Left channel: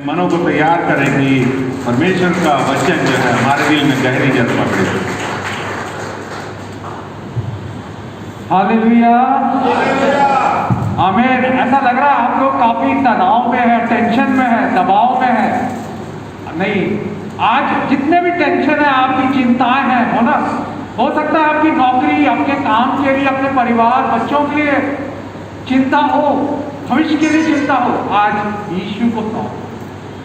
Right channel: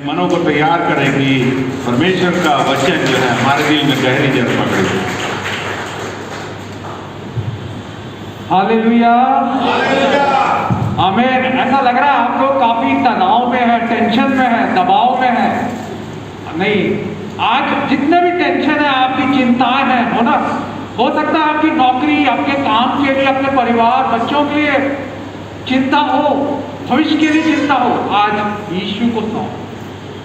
मनों को तैयार करें कि परमेश्वर का वचन जो है हमारे दिल में गहरी जड़ पकड़े। हालेलुया, आमीन। ऐसा लग रहा है आप लोग काफी तनाव में है, टेंशन में है, दबाव में है। नहीं, आज जितने भी टेंशन है, आपकी चिंताएं हैं, हो ना, हो सकता है आपकी नौकरी, आपके काम के लिए, अपने परिवार, बच्चों के लिए चिंता हो, भविष्य के लिए चिंता हो। आज यीशु को सौंप,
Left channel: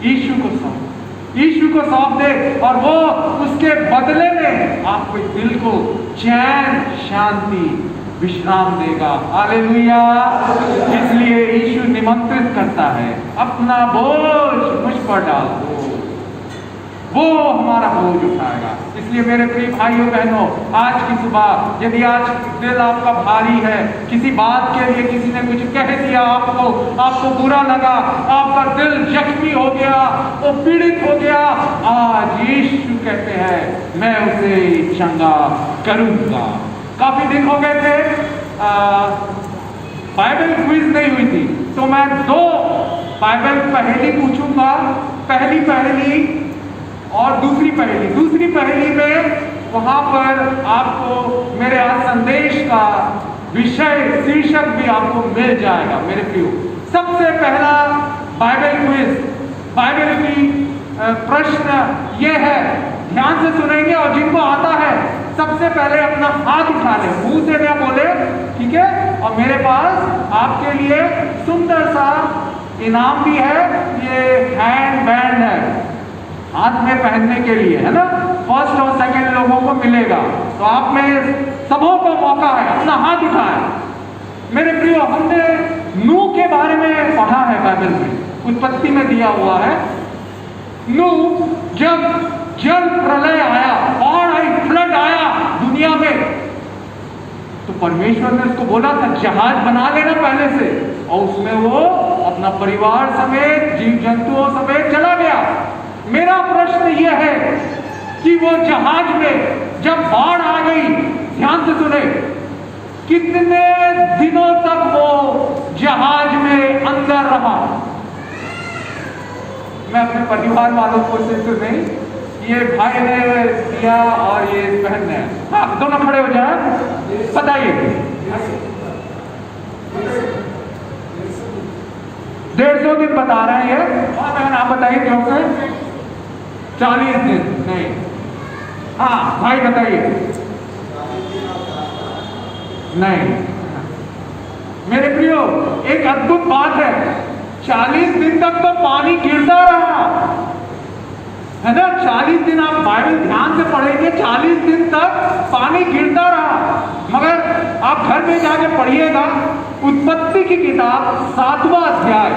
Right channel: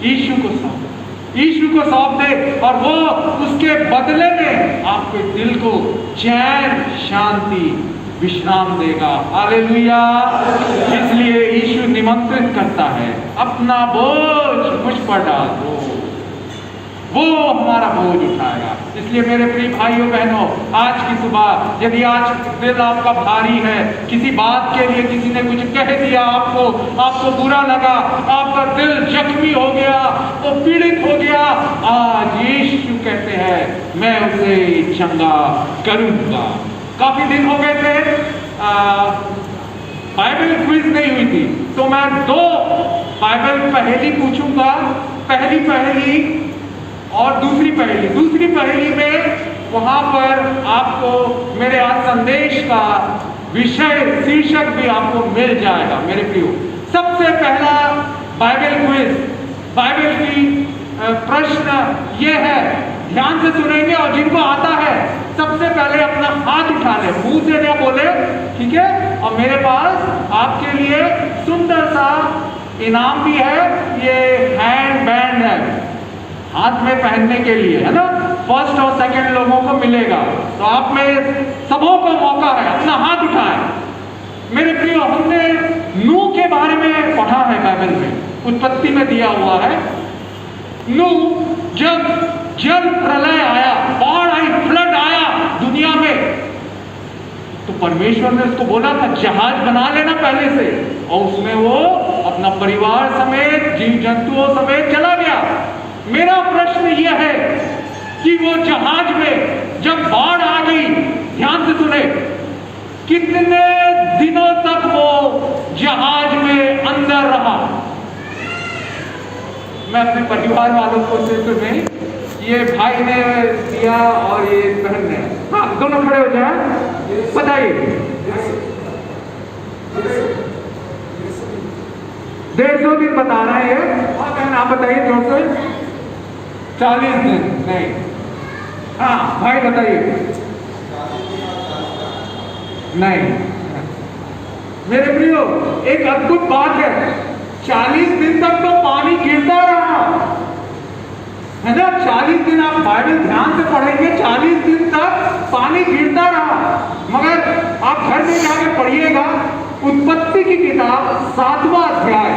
यीशु को सौंप, यीशु को सौंप दे और वो उसके बदले में आपके दिल को चैन, शांति, विश्राम देगा। हालेलुया। इसलिए यीशु निमंत्रित करता है, अपना बोझ मुझ पर डाल दो, वो हमारा बोझ उठाएगा। इसलिए मेरे प्रिय भाइयों बहनों, आज की सुबह यदि आज दिल आपका भारी है, किसी बात के लिए किसी ने कुछ कह दिया, आपको बुरा लगा, आपका दिल जख्मी हो गया, वो पीड़ित हो गया, आज यीशु कहते हैं मैं उसे चंगा करूंगा। काफी दिन हो गए थे, बाइबल क्विज नहीं हुई थी, तो मैं 2 बाइबल पहेली पूछूंगा। पहली पहेली और दूसरी पहेली में वहां पर आपको मेरे आज संदेश का विषय, शीर्षक भी आपको मिल जाएगा मेरे प्रियो। सबसे पहला बाइबल क्विज, बाइबल की प्रश्न ये है, ध्यान से सुनेंगे और जिनको आता है सबसे पहले अपना हाथ उठा ले, मुंह से क्या बोले, ठीक है। और मेरे पास आपके लिए सुंदर सा इनाम भी है, ये हैंड बैंड है, हाथ में पहनने के लिए, है ना। फर्स्ट और सेकंड लोगों को मिलेगा, तो आप में सबों को मौका है, अपना हाथ उठाएं। मेरे प्रियो, हमने नूह के बारे में पढ़ा है बाइबल में, उत्पत्ति में दिया हुआ है। नूह जब जल प्रलय आया, बाढ़ आई, फ्लड आया दुनिया में, तो परमेश्वर ने उसको बोला था जहाज बना लेना पहले से, और उसमें वो अपना परिवार समेत, जीव जंतुओं समेत चला गया। मेरा प्रश्न यह है कि वो जहाज में जब बाढ़ आ गई, ध्यान से सुने, कितने दिनों तक वो जहाज में अंदर रहा। मैं अपने परिवार वालों को सिर्फ में, ये भाई ने दिया और ये बहन ने, हाँ दोनों खड़े हो जाए, बताइए। 150 दिन बता रहे हैं, हाँ बहन आप बताइए क्यों से 40 दिन नहीं, हाँ भाई बताइए। नहीं, मेरे प्रियो, एक अद्भुत बात है, 40 दिन तक तो पानी गिरता रहा, है ना। 40 दिन आप बाइबल ध्यान से पढ़ेंगे, 40 दिन तक पानी गिरता रहा। मगर आप घर में जाके पढ़िएगा, उत्पत्ति की किताब 7वां अध्याय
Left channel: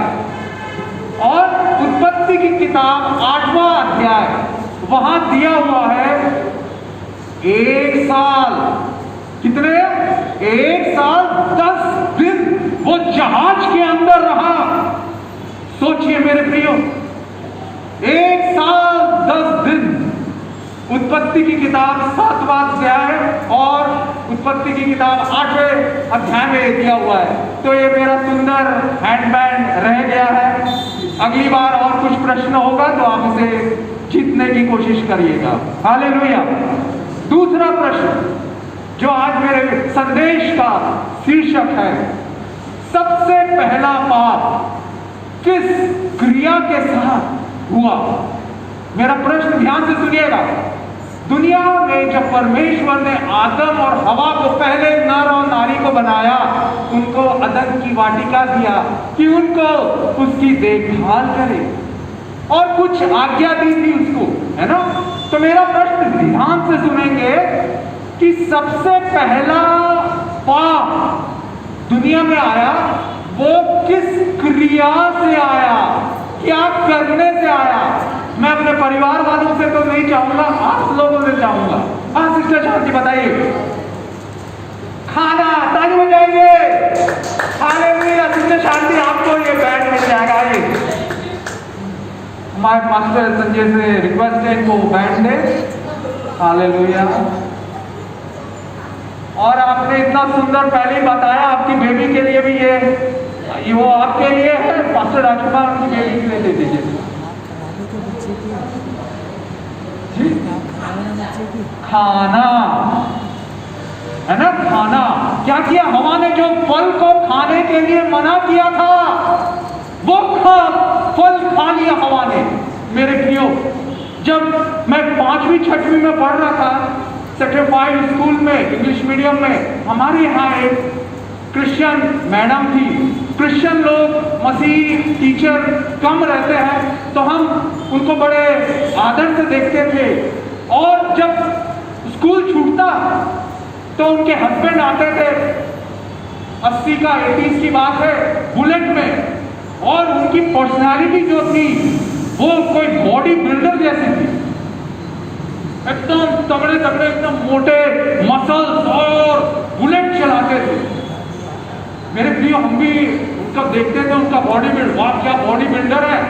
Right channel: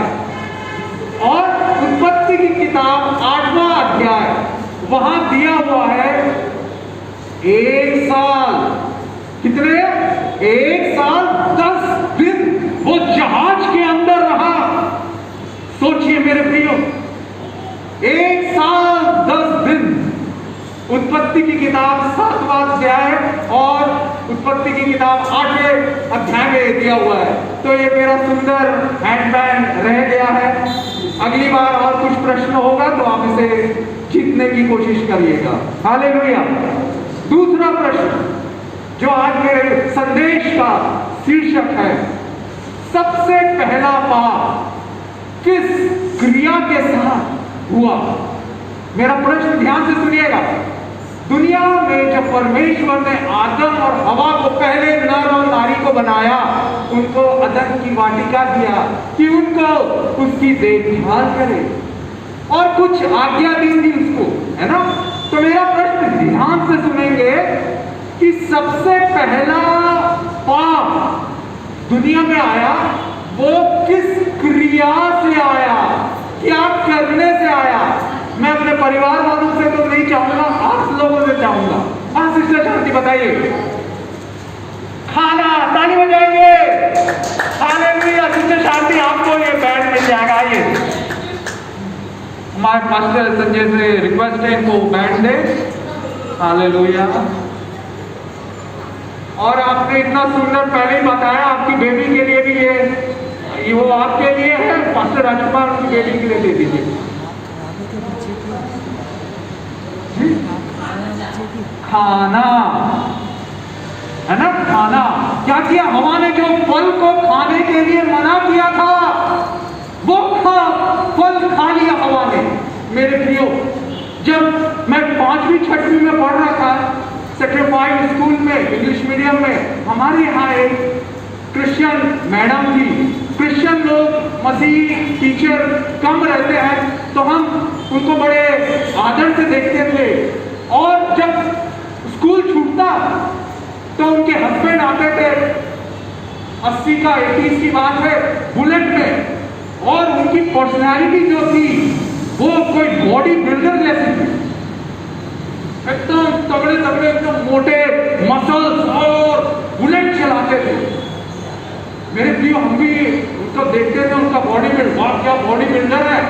और उत्पत्ति की किताब 8वां अध्याय, वहां दिया हुआ है 1 साल, कितने, 1 साल 10 दिन वो जहाज के अंदर रहा। सोचिए मेरे प्रियो, 1 साल 10 दिन। उत्पत्ति की किताब 7वां अध्याय और उत्पत्ति की किताब 8वें अध्याय में दिया हुआ है। तो ये मेरा सुंदर हैंडबैंड रह गया है। अगली बार और कुछ प्रश्न होगा तो आप इसे जीतने की कोशिश करिएगा। हालेलुया। दूसरा प्रश्न जो आज मेरे संदेश का शीर्षक है, सबसे पहला पाप किस क्रिया के साथ हुआ। मेरा प्रश्न ध्यान से सुनिएगा। दुनिया में जब परमेश्वर ने आदम और हवा को, पहले नर और नारी को बनाया, उनको अदन की वाटिका दिया कि उनको उसकी देखभाल करे और कुछ आज्ञा दी थी उसको, है ना। तो मेरा प्रश्न ध्यान से सुनेंगे कि सबसे पहला पाप दुनिया में आया, वो किस क्रिया से आया, क्या करने से आया। मैं अपने परिवार वालों से तो नहीं चाहूंगा, आप लोगों से चाहूंगा। हाँ सिस्टर शांति बताइए। खाना, ताली बजाइए। हालेलुया। सिस्टर शांति आपको ये बैंड मिल जाएगा। आइए, हमारे मास्टर संजय से रिक्वेस्ट है इनको बैंड दे। हालेलुया। और आपने इतना सुंदर पहले ही बताया, आपकी बेबी के लिए भी ये वो आपके लिए है। मास्टर राजकुमार उनकी बेटी के लिए दे दीजिए। खाना है ना, खाना क्या किया? हवा ने जो फल को खाने के लिए मना किया था वो फल खा लिया हवा ने। मेरे प्रियो, जब मैं 5वीं 6वीं में पढ़ रहा था सर्टिफाइड स्कूल में इंग्लिश मीडियम में, हमारे यहाँ एक क्रिश्चियन मैडम थी। क्रिश्चियन लोग, मसीह टीचर कम रहते हैं तो हम उनको बड़े आदर से देखते थे। और जब स्कूल छूटता तो उनके हस्बैंड आते थे, 80 का 80 की बात है, बुलेट में, और उनकी पर्सनालिटी जो थी वो कोई बॉडी बिल्डर जैसी थी, एकदम तगड़े तगड़े, एकदम मोटे मसल्स, और बुलेट चलाते थे। मेरे प्रियो, हम भी उनको देखते थे, उनका बॉडी बिल्ड, वाह क्या बॉडी बिल्डर है।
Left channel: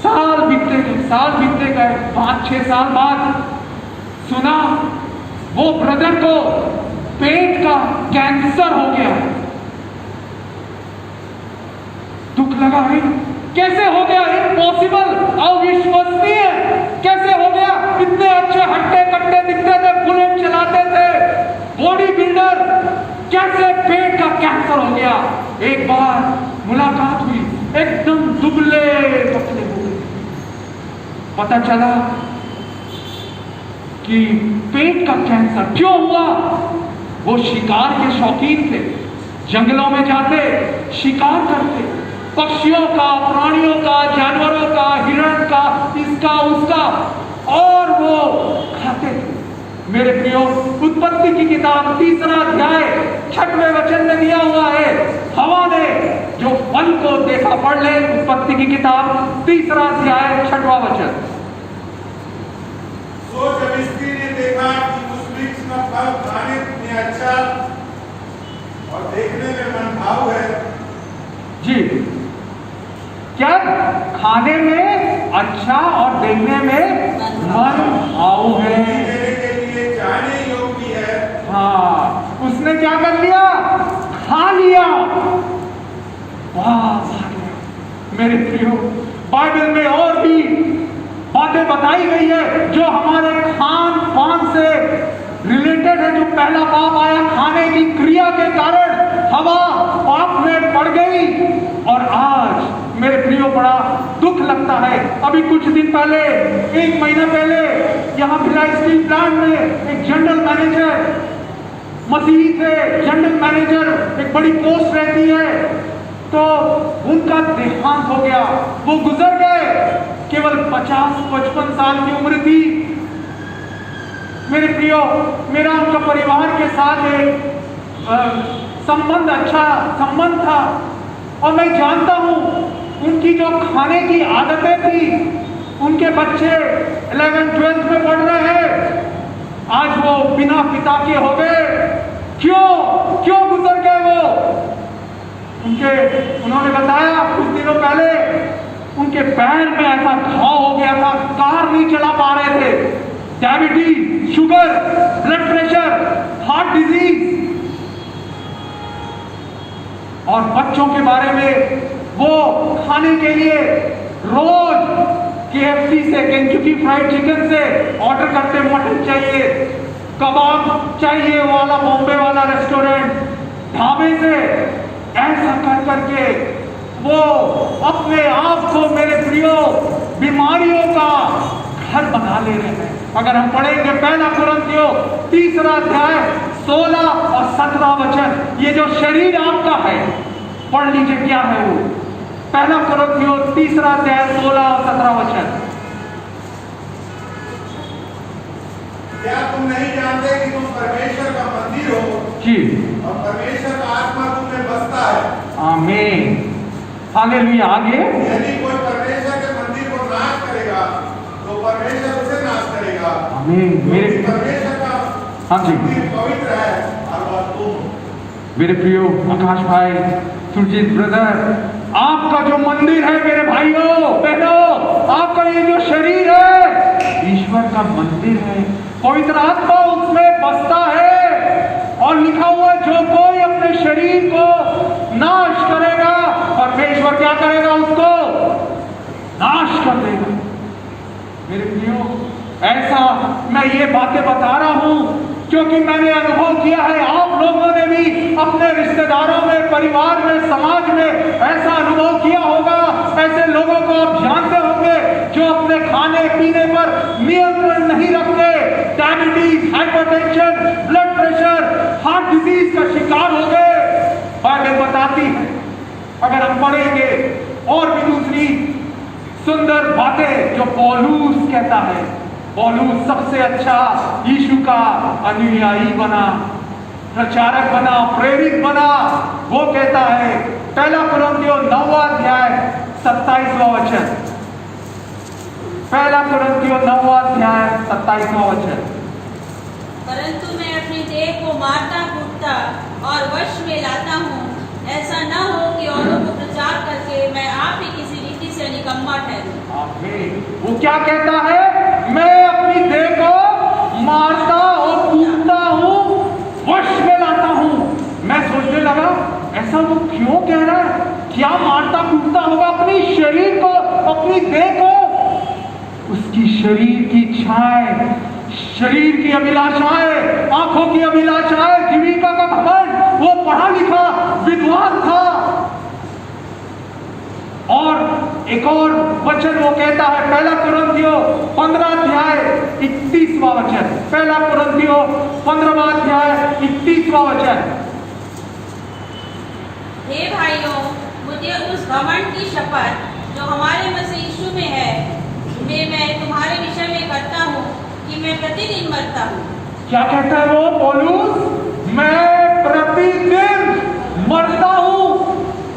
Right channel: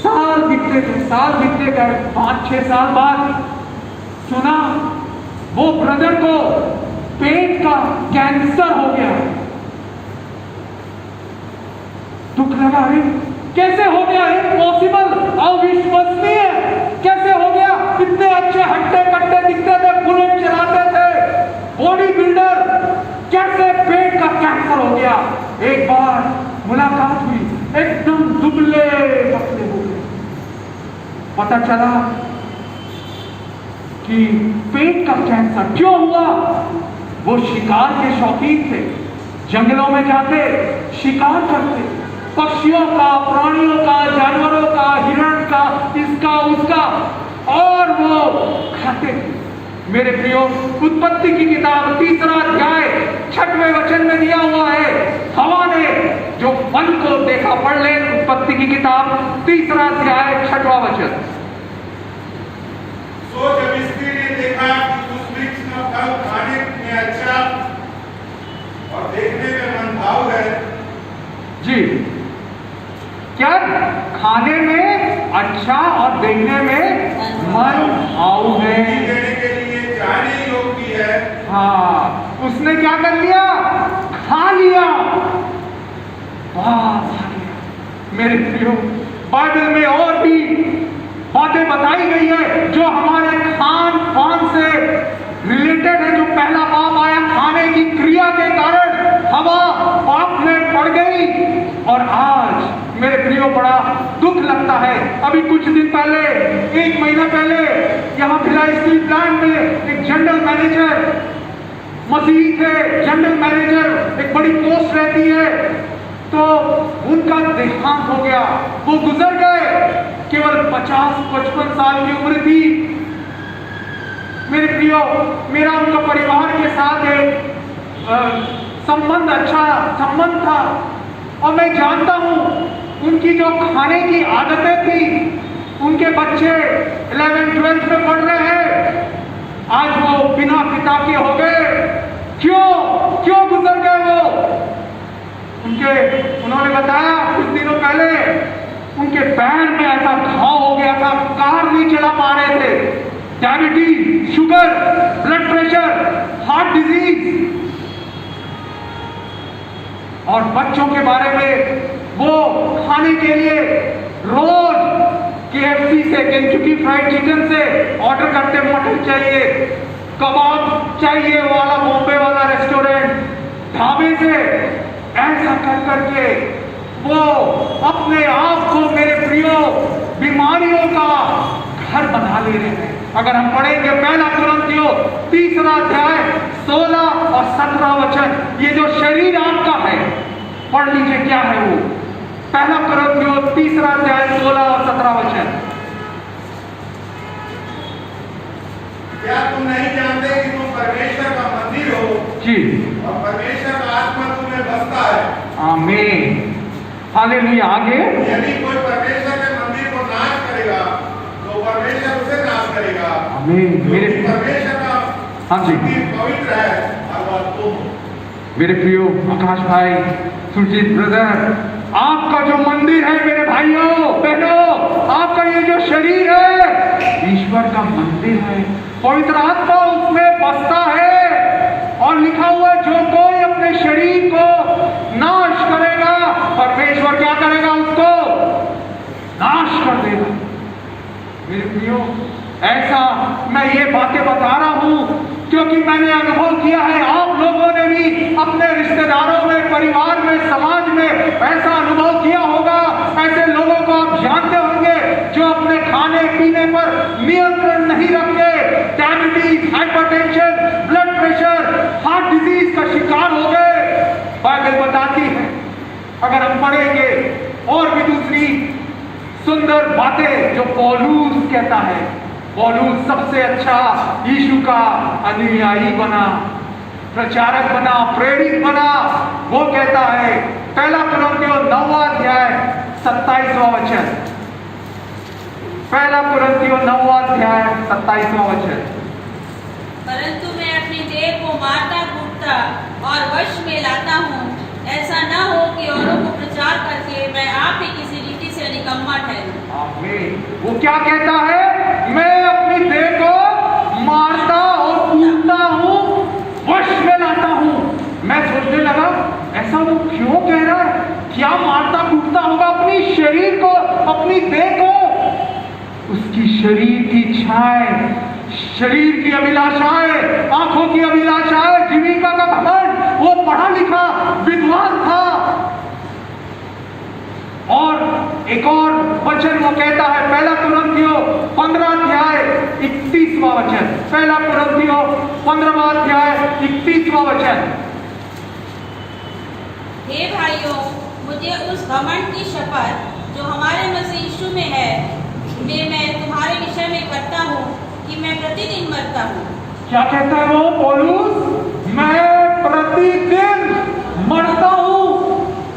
साल बीतते गए, 5-6 साल बाद सुना वो ब्रदर को पेट का कैंसर हो गया। दुख लगा, अरे कैसे हो गया? इम्पॉसिबल, अविश्वसनीय, कैसे हो गया? इतने अच्छे हट्टे कट्टे दिखते थे, बुलेट चलाते थे, बॉडी बिल्डर, कैसे पेट का कैंसर हो गया? एक बार मुलाकात हुई, एकदम दुबले पतले हो गए। पता चला कि पेट का कैंसर क्यों हुआ? वो शिकार के शौकीन थे, जंगलों में जाते, शिकार करते, पक्षियों का, प्राणियों का, जानवरों का, हिरण का, इसका उसका, और वो खाते थे। मेरे प्रियो, उत्पत्ति की किताब 3 अध्याय 6वें वचन में दिया हुआ है, हवा ने जो फल को देखा, पढ़ ले उत्पत्ति की किताब 3 अध्याय 6वां वचन। तो जब स्त्री ने देखा कि उस वृक्ष का फल खाने में अच्छा और देखने में मनभाव है, जी, क्या खाने में अच्छा और देखने में मनभाव है, देने के लिए जाने योग्य है। हाँ, उसने क्या कर लिया? खा लिया। वाह, मेरे प्रियो, बाइबल में और भी बातें बताई गई है जो हमारे खान पान से रिलेटेड है। जो पहला पाप आया खाने की क्रिया के कारण, हवा पाप में पड़ गई, और आज मेरे प्रियो बड़ा दुख लगता है। अभी कुछ दिन पहले, 1 महीना पहले, यहाँ भिलाई स्टील प्लांट में एक जनरल मैनेजर, मसीही थे, जनरल मैनेजर, एक बड़ी पोस्ट रहती है, तो उनका देहांत हो गया, वो गुजर गए। केवल 50-55 साल की उम्र थी। मेरे प्रियो, मेरा उनका परिवार के साथ एक अच्छा संबंध था, और मैं जानता हूं उनकी जो खाने की आदतें थी। उनके बच्चे 11-12 में पढ़ रहे हैं, आज वो बिना पिता के हो गए। क्यों गुजर गए वो? उन्होंने बताया कुछ दिनों पहले उनके पैर में ऐसा घाव हो गया था, कार नहीं चला पा रहे थे। Diabetes, sugar, blood pressure, heart disease, और बच्चों के बारे में वो खाने के लिए रोज KFC से, केंटुकी फ्राइड चिकन से ऑर्डर करते, मटन चाहिए, कबाब चाहिए वाला, बॉम्बे वाला रेस्टोरेंट, ढाबे से, ऐसा कर करके वो अपने आप को, मेरे प्रियो, बीमारियों का घर बना ले रहे हैं। अगर हम पढ़ेंगे पहला कुरिन्थियों 3 अध्याय 16 और 17 वचन, ये जो शरीर आपका है, पढ़ लीजिए क्या है वो। पहला कुरिन्थियों 3 अध्याय 16 और 17 वचन। क्या तुम नहीं जानते कि तुम परमेश्वर का मंदिर हो जी, और परमेश्वर का आत्मा तुम में बसता है? आमीन, हालेलुया। आगे, यदि कोई परमेश्वर के मंदिर को नाश करेगा तो परमेश्वर उसे नाश करेगा। आमीन। मेरे परमेश्वर का हाँ जी, मंदिर पवित्र है और वह तुम हो। मेरे प्रियो आकाश भाई, सुरजीत ब्रदर, आपका जो मंदिर है मेरे भाइयों बहनों, आपका ये जो शरीर है ईश्वर का मंदिर है, पवित्र आत्मा उसमें बसता है। और लिखा हुआ है, जो कोई अपने शरीर को नाश करेगा, परमेश्वर क्या करेगा? उसको मेरे प्रियो, ऐसा मैं ये बातें बता रहा हूं क्योंकि मैंने अनुभव किया है। आप लोगों ने भी अपने रिश्तेदारों में, परिवार में, समाज में ऐसा अनुभव किया होगा। ऐसे लोगों को आप जानते होंगे जो अपने खाने पीने पर नियंत्रण नहीं रखते, diabetes, hypertension, blood pressure, heart disease का शिकार हो गए। बाइबल बताती है, अगर हम पढ़ेंगे और भी दूसरी सुंदर बातें जो पौलुस कहता है। पौलुस सबसे अच्छा यीशु का अनुयायी बना, प्रचारक बना, प्रेरित बना। वो कहता है, पहला कुरिन्थियों 9वां अध्याय 27वां वचन, पहला कुरिन्थियों 9वां अध्याय 27वां वचन। परंतु मैं अपनी देह को मारता कूटता और वश में लाता हूँ, ऐसा न हो कि औरों को प्रचार करके मैं आप ही किसी रीति से निकम्मा ठहरूं। आमीन। वो क्या कहता है? मैं अपनी देह को मारता और कूटता हूँ, वश में लाता हूँ। मैं सोचने लगा, ऐसा वो क्यों कह रहा है? क्या मारता कूटता होगा अपनी शरीर को, अपनी देह को? उसकी शरीर की इच्छाएं, शरीर की अभिलाषाएं, आंखों की अभिलाषाएं, जीविका का घमंड। वो पढ़ा लिखा विद्वान था। और एक और वचन वो कहता है, पहला कुरिन्थियों 15 अध्याय 31वां वचन, पहला कुरिन्थियों 15वां अध्याय 31वां वचन। हे भाइयों, मुझे उस घमंड की शपथ जो हमारे मसीह यीशु में है, मैं तुम्हारे विषय में करता हूँ कि मैं प्रतिदिन मरता हूँ। क्या कहता है वो पौलुस? मैं प्रतिदिन मरता हूँ।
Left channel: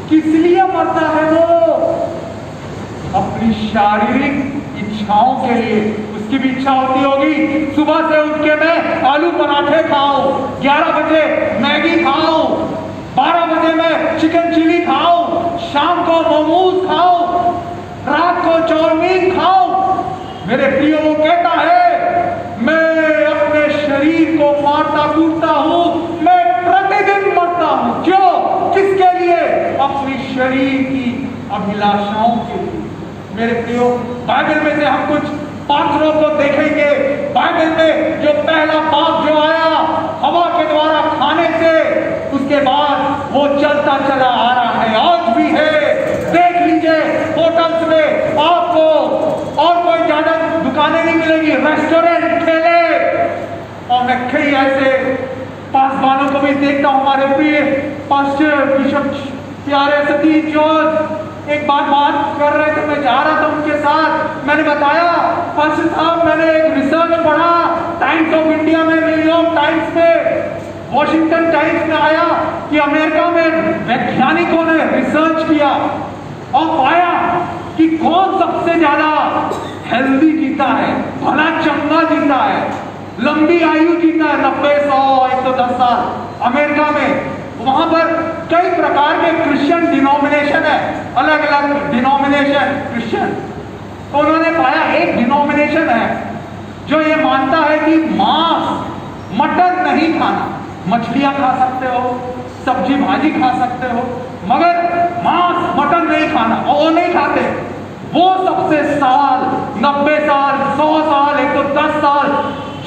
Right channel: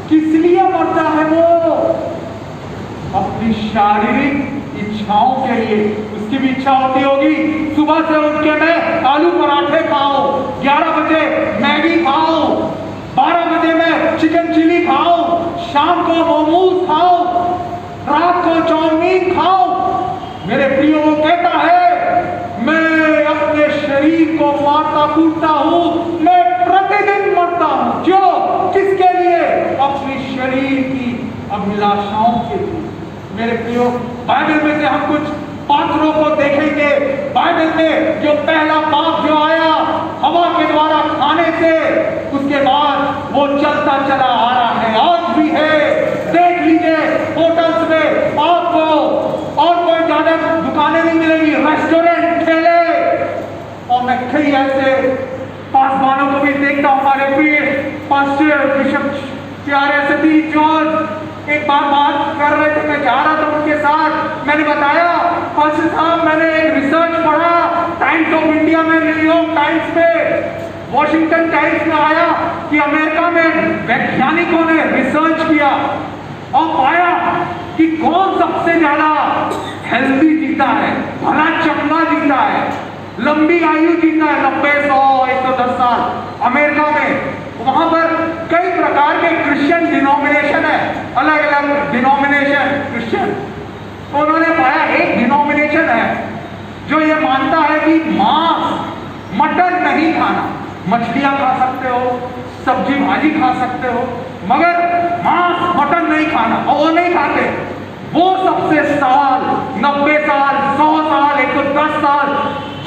किस लिए मरता है वो? अपनी शारीरिक इच्छाओं के लिए। उसकी भी इच्छा होती होगी, सुबह से उठ के मैं आलू पराठे खाऊं, 11 बजे मैगी खाऊं, 12 बजे मैं चिकन चिली खाऊं, शाम को मोमोज खाऊं, रात को चाउमीन खाऊं। मेरे प्रियो, वो कहता है, मैं अपने शरीर को मारता कूटता हूं, मैं प्रतिदिन मरता हूं। क्यों? किसके लिए? अपनी शरीर की अभिलाषाओं के लिए। मेरे प्रियो, बाइबल में से हम कुछ पात्रों को देखेंगे। बाइबल में जो पहला पाप जो आया हवा के द्वारा खाने से, उसके बाद वो चलता चला आ रहा है, आज भी है। देख लीजिए होटल्स में आपको और कोई ज्यादा दुकानें नहीं मिलेगी, रेस्टोरेंट, ठेले। और मैं कई ऐसे पासवानों को भी देखता हूँ, हमारे प्रिय पास्टर बिशप प्यारे सतीश जॉर्ज एक बात कर रहे थे, मैं जा रहा था उनके साथ। मैंने बताया, पास्टर साहब, मैंने एक रिसर्च पढ़ा टाइम्स ऑफ इंडिया में, न्यूयॉर्क टाइम्स में, वॉशिंगटन टाइम्स में आया कि अमेरिका में वैज्ञानिकों ने रिसर्च किया और पाया कि कौन सबसे ज्यादा हेल्दी जीता है, भला चंगा जीता है, लंबी आयु जीता है, 90, 100, 110 साल। अमेरिका में वहां पर कई प्रकार के क्रिश्चियन डिनोमिनेशन है, अलग अलग डिनोमिनेशन क्रिश्चियन। तो उन्होंने पाया एक डिनोमिनेशन है जो ये मानता है कि मांस, मटन नहीं खाना। मछलियां खा सकते हो, सब्जी भाजी खा सकते हो, मगर मांस, मटन नहीं खाना। और वो नहीं खाते। वो सबसे साल, 90 साल, 100 साल, 110 साल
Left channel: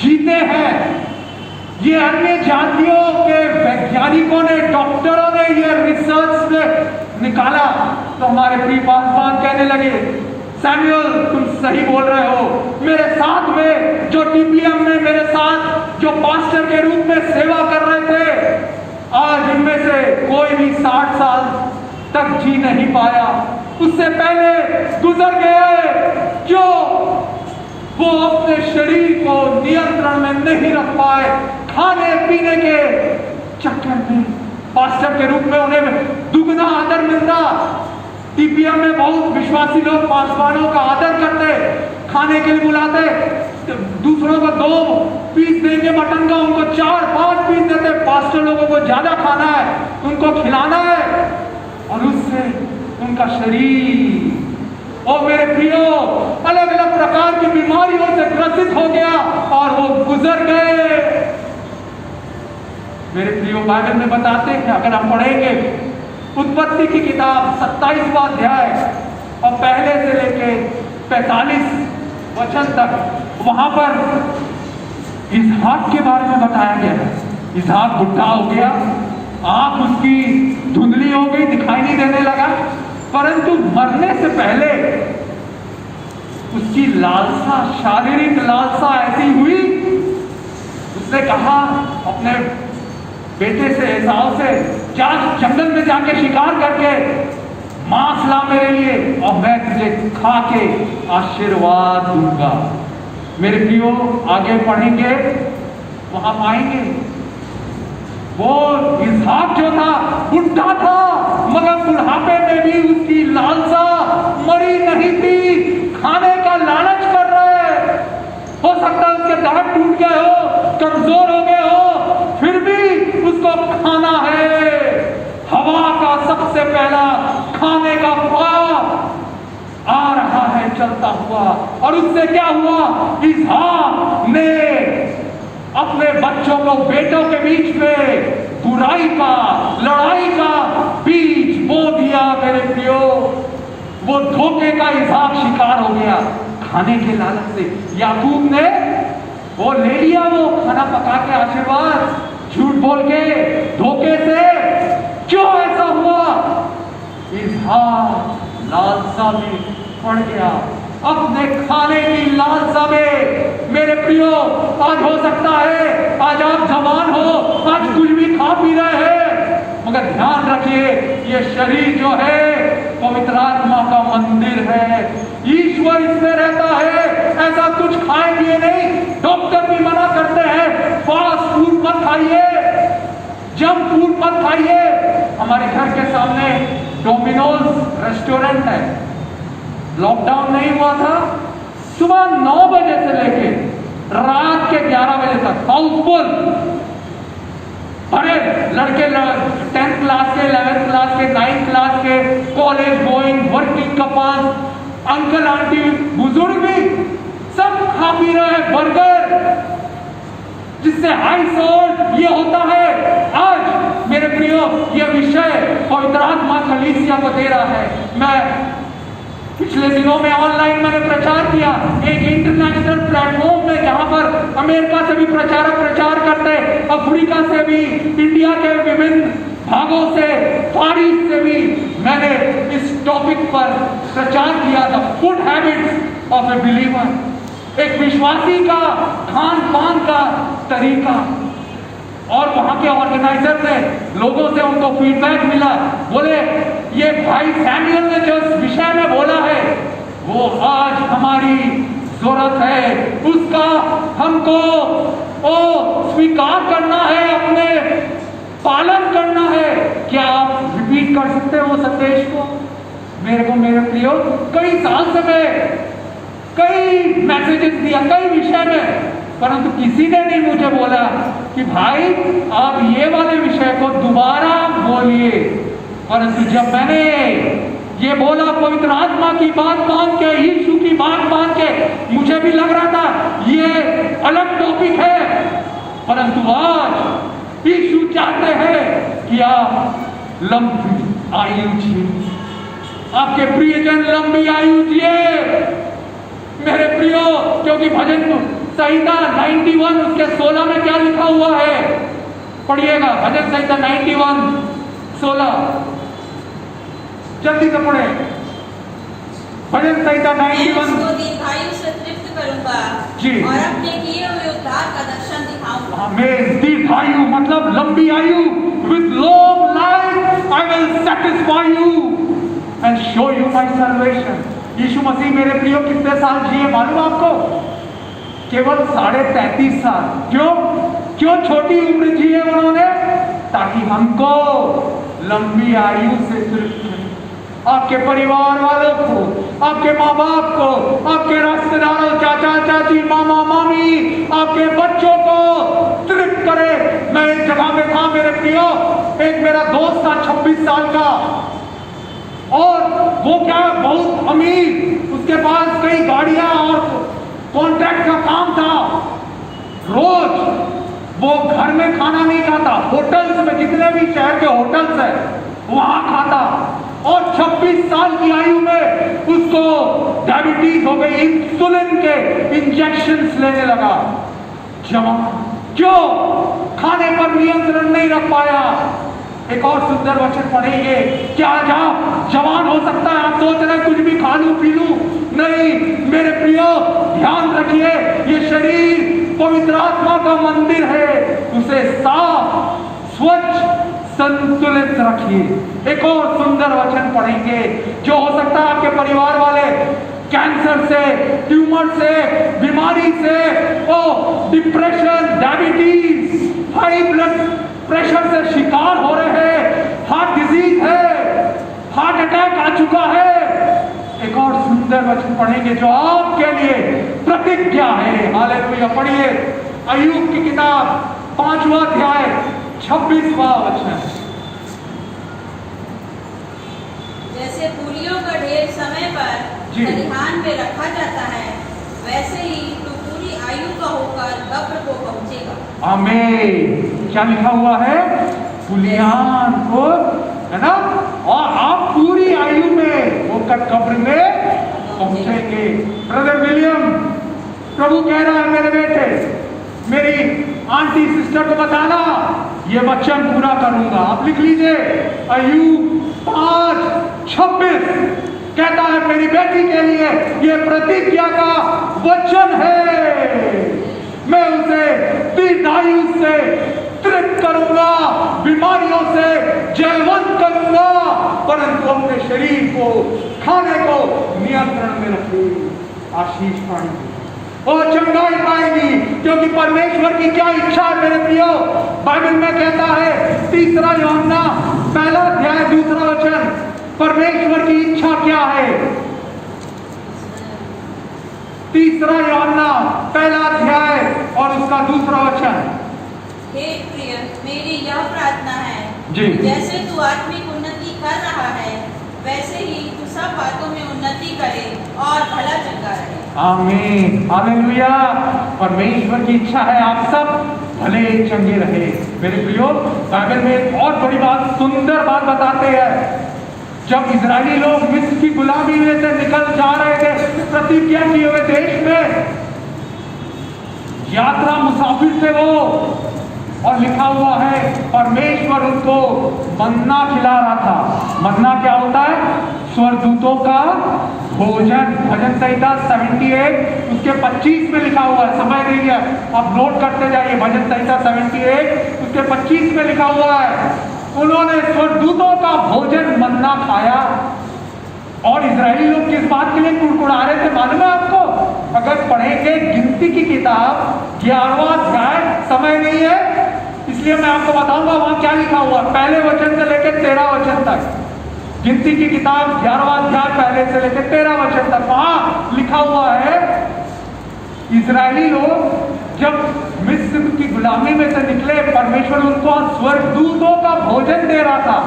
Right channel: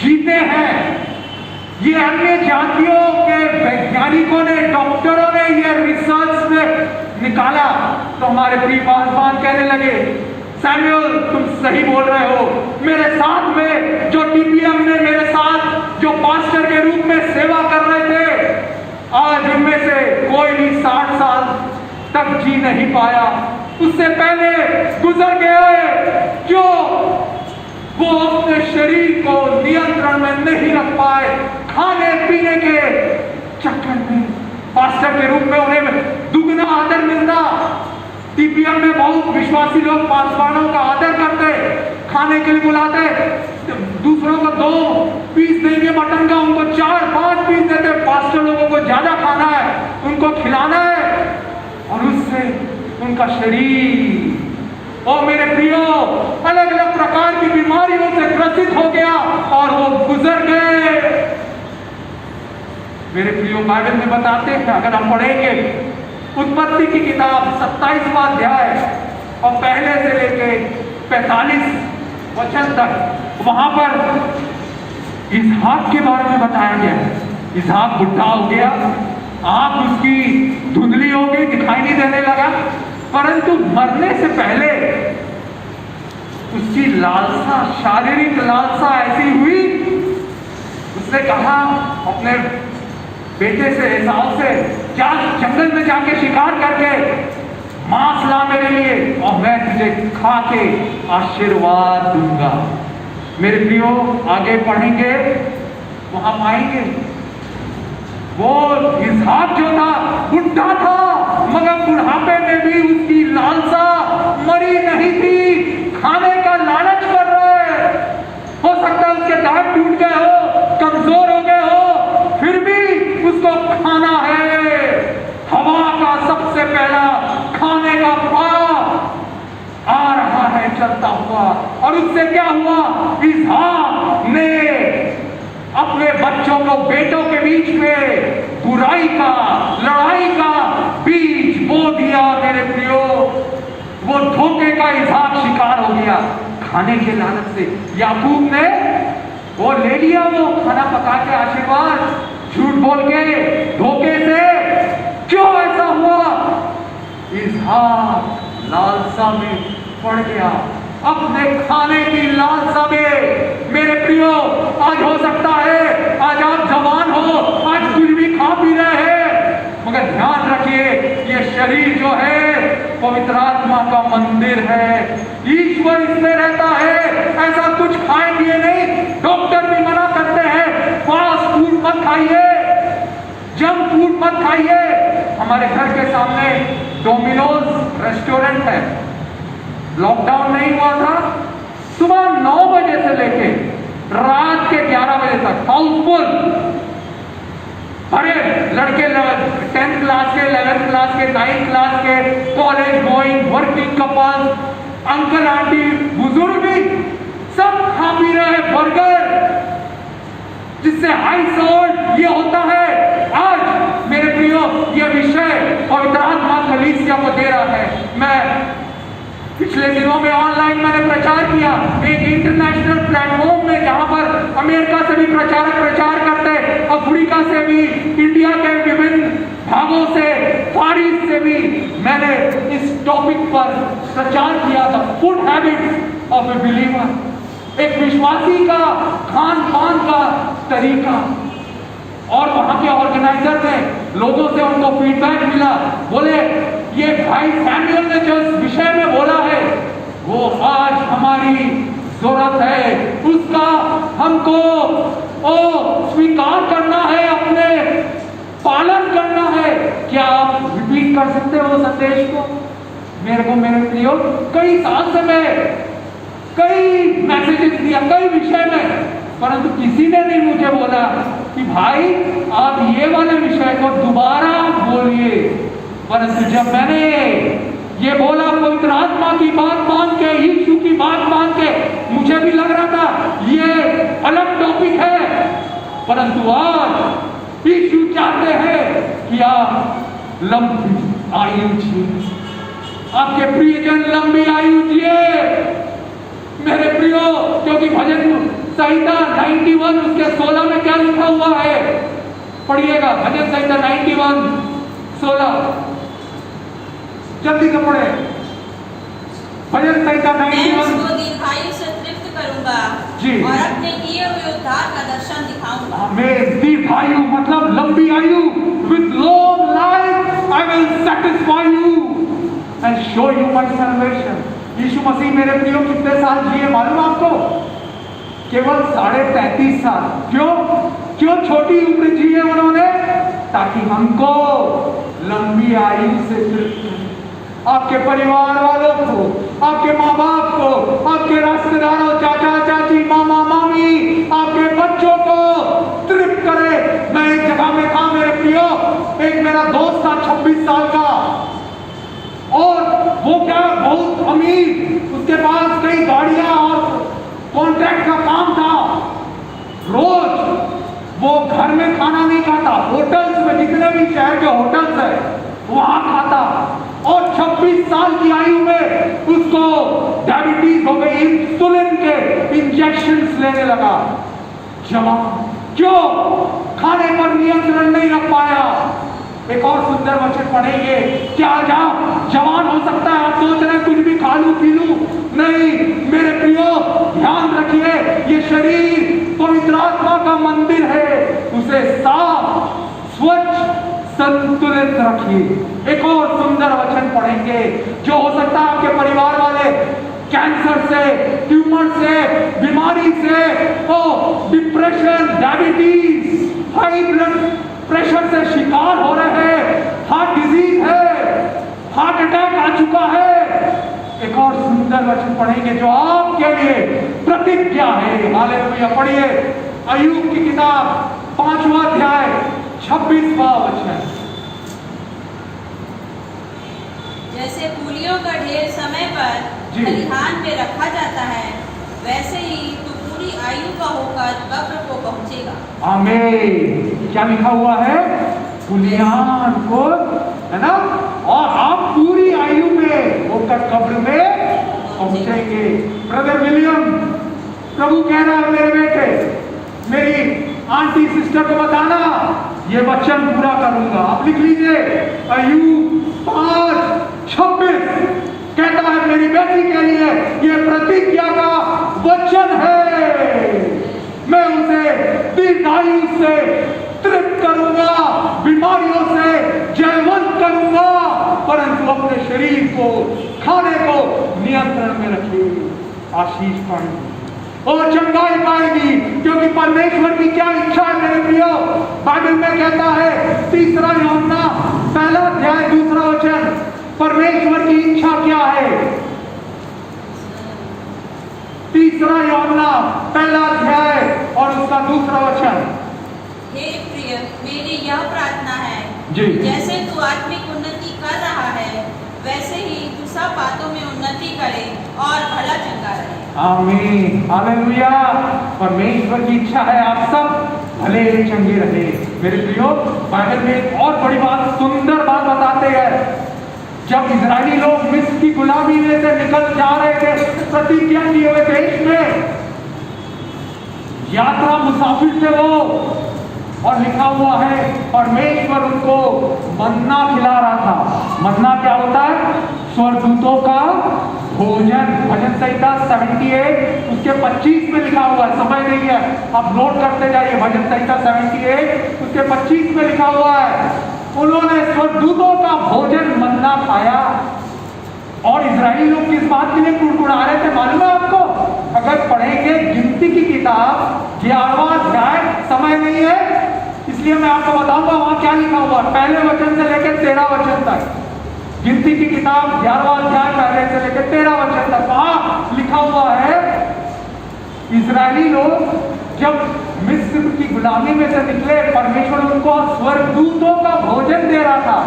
जीते हैं। ये अन्य जातियों के वैज्ञानिकों ने, डॉक्टरों ने ये रिसर्च में निकाला। तो हमारे प्रिय पासवान कहने लगे, सैमुअल, तुम सही बोल रहे हो। मेरे साथ में जो टीपीएम में मेरे साथ जो पास्टर के रूप में सेवा कर रहे थे, आज इनमें से कोई भी 60 साल तक जी नहीं पाया, उससे पहले गुजर गए। क्यों? वो अपने शरीर को नियंत्रण में नहीं रख पाए, खाने पीने के चक्कर में। पास्टर के रूप में उन्हें दुगना आदर मिलता। टीपीएम में बहुत विश्वासी लोग पासवानों का आदर करते, खाने के लिए बुलाते, दूसरों को 2 पीस देंगे मटन का, उनको 4-5 पीस देते। पास्टर लोगों को ज्यादा खाना है, उनको खिलाना है, और उससे उनका शरीर, और मेरे प्रियो, अलग अलग प्रकार की बीमारियों से ग्रसित हो गया और वो गुजर गए। मेरे प्रियो, बाइबल में बताते हैं, अगर हम पढ़ेंगे उत्पत्ति की किताब 27वां अध्याय और पहले से लेके 45 वचन तक वहां पर इसहाक के बारे में बताया गया है। इसहाक बुढ़ा हो गया, आंख उसकी धुंधली हो गई, दिखाई नहीं देने लगा, परंतु मरने से पहले उसकी लालसा, शारीरिक लालसा ऐसी हुई, उसने कहा अपने बेटे से, एसाव से, जा जंगल में जाके शिकार करके मांस ला मेरे लिए और मैं तुझे खा के आशीर्वाद दूंगा। मेरे प्रियो, आगे पढ़ेंगे वहां पाएंगे वो इसहाक जो था बुढ़ा था, मगर बुढ़ापे में भी उसकी लालसा मरी नहीं थी। खाने का लालच कर रहे, हो सकता है उसके दांत टूट गए हो, कमजोर हो गए हो, फिर भी उसको खाना है। हवा का सबसे पहला खाने का ख्वाब आ रहा है चलता हुआ, और उससे क्या हुआ, इसहाक ने अपने बच्चों को, बेटों के बीच में बुराई का, लड़ाई का बीज बो दिया। मेरे प्रियो, वो धोखे का इसहाक शिकार हो गया खाने के लालच से। याकूब ने वो ले लिया, वो खाना पका के आशीर्वाद, झूठ बोल के, धोखे से। क्यों ऐसा हुआ? इसहाक लालसा में पड़ गया, अपने खाने की लालसा में। मेरे प्रियो, आज हो सकता है आज आप जवान हो, आज कुछ भी खा पी रहे हैं, मगर ध्यान रखिए ये शरीर जो है पवित्र आत्मा का मंदिर है, ईश्वर इसमें रहता है। ऐसा कुछ खाए पिए नहीं, डॉक्टर भी मना करते हैं फास्ट फूड मत खाइए, जंक फूड मत खाइए। हमारे घर के सामने डोमिनोज रेस्टोरेंट है, लॉकडाउन नहीं हुआ था, सुबह 9 बजे से लेके रात के 11 बजे तक हाउसफुल, बड़े लड़के 10th क्लास के, 11th क्लास के, 9th क्लास के, college going, working couple, uncle aunty, बुजुर्ग भी सब खा पी रहे हैं बर्गर, जिससे हाई सॉल्ट ये होता है। आज मेरे प्रियो, ये विषय पवित्र आत्मा कलीसिया को दे रहा है। मैं पिछले दिनों में ऑनलाइन मैंने प्रचार किया एक इंटरनेशनल प्लेटफॉर्म में, जहां पर अमेरिका से भी प्रचारक प्रचार करते, अफ्रीका से भी, इंडिया के विभिन्न भागों से, फारिस से भी मैंने इस टॉपिक पर प्रचार किया था, food habits of A believer, एक विश्वासी का खान पान का तरीका। और वहां के ऑर्गेनाइजर ने, लोगों से उनको फीडबैक मिला, बोले ये भाई सैमुअल ने जो विषय में बोला है वो आज हमारी जरूरत है, उसका हमको स्वीकार करना है, अपने पालन करना है। क्या आप रिपीट कर सकते हो संदेश को? मेरे को, मेरे प्रियो, कई साल से मैं कई मैसेजेस दिया कई विषय में, परंतु किसी ने नहीं मुझे बोला कि भाई आप ये वाले विषय को दोबारा बोलिए। परंतु जब मैंने ये बोला पवित्र आत्मा की बात मान के, यीशु की बात मान के, मुझे भी लग रहा था ये अलग टॉपिक है, परंतु आज यीशु चाहते हैं कि आप लंबी आयु जिए, आपके प्रियजन लंबी आयु जिए। मेरे प्रियो, क्योंकि भजन संहिता 91 उसके 16 में क्या लिखा हुआ है, पढ़िएगा। भजन संहिता 91:16, जल्दी से पढ़े। भजन संहिता 91। मैं उसको दीर्घायु से तृप्त करूंगा जी, और अपने किए हुए उद्धार का दर्शन दिखाऊंगा। मैं दीर्घायु मतलब लंबी आयु, with long life I will satisfy you and show you my salvation. Yeshu Masih मेरे प्रियो कितने साल जिए मालूम आपको? केवल 33.5 साल। क्यों छोटी उम्र जी है उन्होंने? ताकि हमको लंबी आयु से तृप्त करें। आपके परिवार वालों को, आपके माँ बाप को, आपके रिश्तेदारों, चाचा चाची, मामा मामी, आपके बच्चों को तृप्त करे। मैं एक जगह में था मेरे प्रियो, एक मेरा दोस्त था 26 साल का, और वो क्या बहुत अमीर, उसके पास कई गाड़ियां और कॉन्ट्रैक्ट का काम था। रोज वो घर में खाना नहीं खाता, होटल्स में, जितने भी शहर के होटल्स है वहां खाता, और 26 साल की आयु में उसको डायबिटीज हो गई, इंसुलिन के इंजेक्शंस लेने लगा। जवान क्यों? खाने पर नियंत्रण नहीं रख पाया। एक और सुंदर वचन पढ़ेंगे। क्या जवान हो सकता है? आप सोच रहे कुछ भी खा लूं पी लूं? नहीं मेरे प्रियो, ध्यान रखिए, ये शरीर पवित्र आत्मा का मंदिर है, उसे साफ स्वच्छ संतुलित रखिए। एक और सुंदर वचन पढ़ेंगे। जो हो सकता है आपके परिवार वाले कैंसर से, ट्यूमर से, बीमारी से, depression, diabetes, high blood pressure से शिकार हो रहे हैं, हार्ट डिजीज है, हार्ट अटैक आ चुका है। एक और सुंदर वचन पढ़ेंगे जो आपके लिए प्रतिज्ञा है। हालेलुया। पढ़िए अय्यूब की किताब 5वां अध्याय 26वां वचन। जैसे फूलियों का ढेर समय पर जी। खलिहान में रखा जाता है, वैसे ही तू पूरी आयु का होकर कब्र को पहुंचेगा। आमीन। क्या लिखा हुआ है? फूलियान को, है ना? और आप पूरी आयु में होकर कब्र में पहुंचेंगे। ब्रदर विलियम, प्रभु कह रहा है मेरे बेटे, मेरी आंटी सिस्टर को बताना, ये वचन पूरा करूंगा। आप लिख लीजिए अय्यूब 5:26 कहता है मेरी बेटी के लिए ये प्रतिज्ञा का वचन है। मैं उसे दीर्घायु से तृप्त करूंगा, बीमारियों से जयवंत करूंगा, परंतु अपने शरीर को, खाने को नियंत्रण में रखेगी। आशीष पाएगी और चंगाई पाएगी, क्योंकि परमेश्वर की क्या इच्छा है मेरे प्रियो। बाइबल में कहता है 3 यूहन्ना 1 अध्याय 2 वचन, परमेश्वर की इच्छा क्या है? 3 यूहन्ना 1 अध्याय और उसका 2 वचन। हे प्रिय, मेरी यह प्रार्थना है जी। जैसे तू आत्मिक उन्नति कर रहा है, वैसे ही तू सब बातों में उन्नति करे और भला चंगा रहे। आमीन। हालेलुया। परमेश्वर की इच्छा है आप सब भले चंगे रहे। मेरे प्रियो, बाइबल में एक और बड़ी बात, सुंदर बात बताते हैं। जब इजरायली लोग मिस्र की गुलामी में से निकल जा रहे थे, प्रतिज्ञा किए हुए देश में यात्रा मुसाफिर थे वो, और लिखा हुआ है परमेश्वर उनको मन्ना खिला रहा था। मन्ना क्या होता है? स्वर्गदूतों का भोजन। भजन संहिता 78 उसके 25 में लिखा हुआ है। समय नहीं है, आप नोट करते जाइए। भजन संहिता 78 उसके 25 में लिखा हुआ है उन्होंने स्वर्गदूतों का भोजन मन्ना खाया। और इजरायली लोग किस बात के लिए कुड़कुड़ा रहे थे मालूम है आपको? अगर पढ़ेंगे गिनती की किताब 11वां अध्याय, समय नहीं है इसलिए मैं आपको बताऊंगा वहां क्या लिखा हुआ, पहले वचन से लेकर 13 वचन तक। गिनती की किताब 11वां अध्याय पहले से लेकर 13 वचन तक, वहां लिखा हुआ है इजरायली लोग जब मिस्र की गुलामी में से निकले, परमेश्वर उनको स्वर्गदूतों का भोजन दे रहा था।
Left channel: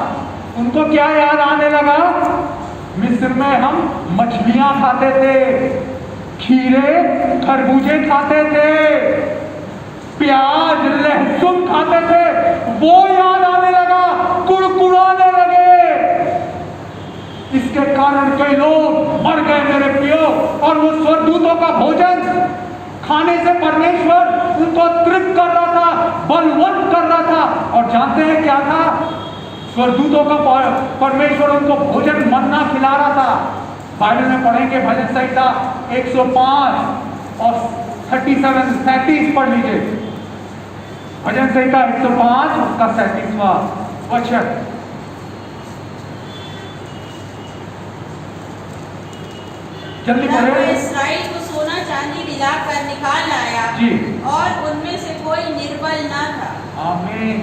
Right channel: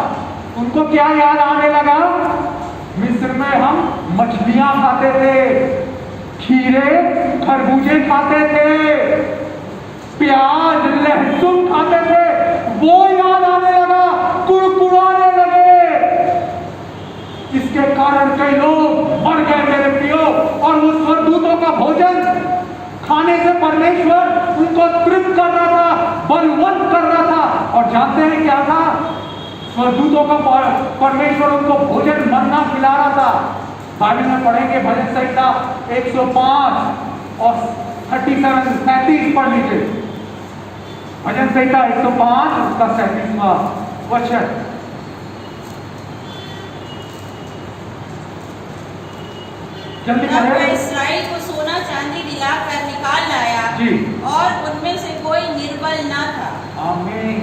उनको क्या याद आने लगा? मिस्र में हम मछलियां खाते थे, खीरे खरबूजे खाते थे, प्याज लहसुन खाते थे, वो याद आने लगा, कुड़कुड़ाने लगे। इसके कारण कई लोग मर गए मेरे प्रियो। और वो स्वर्गदूतों का भोजन खाने से परमेश्वर उनको तृप्त कर रहा था, बलवंत कर रहा था। और जानते हैं क्या था? स्वर्गदूतों का परमेश्वर उनको भोजन मन्ना खिला रहा था। बाइबल में पढ़ेंगे भजन संहिता 105 और 37 पढ़ लीजिए। भजन संहिता 105 उसका 37वां वचन। जल्दी तब मैं पढ़े। इस्राएल को सोना चांदी दिलाकर निकाल लाया जी। और उनमें से कोई निर्बल न था। आमीन।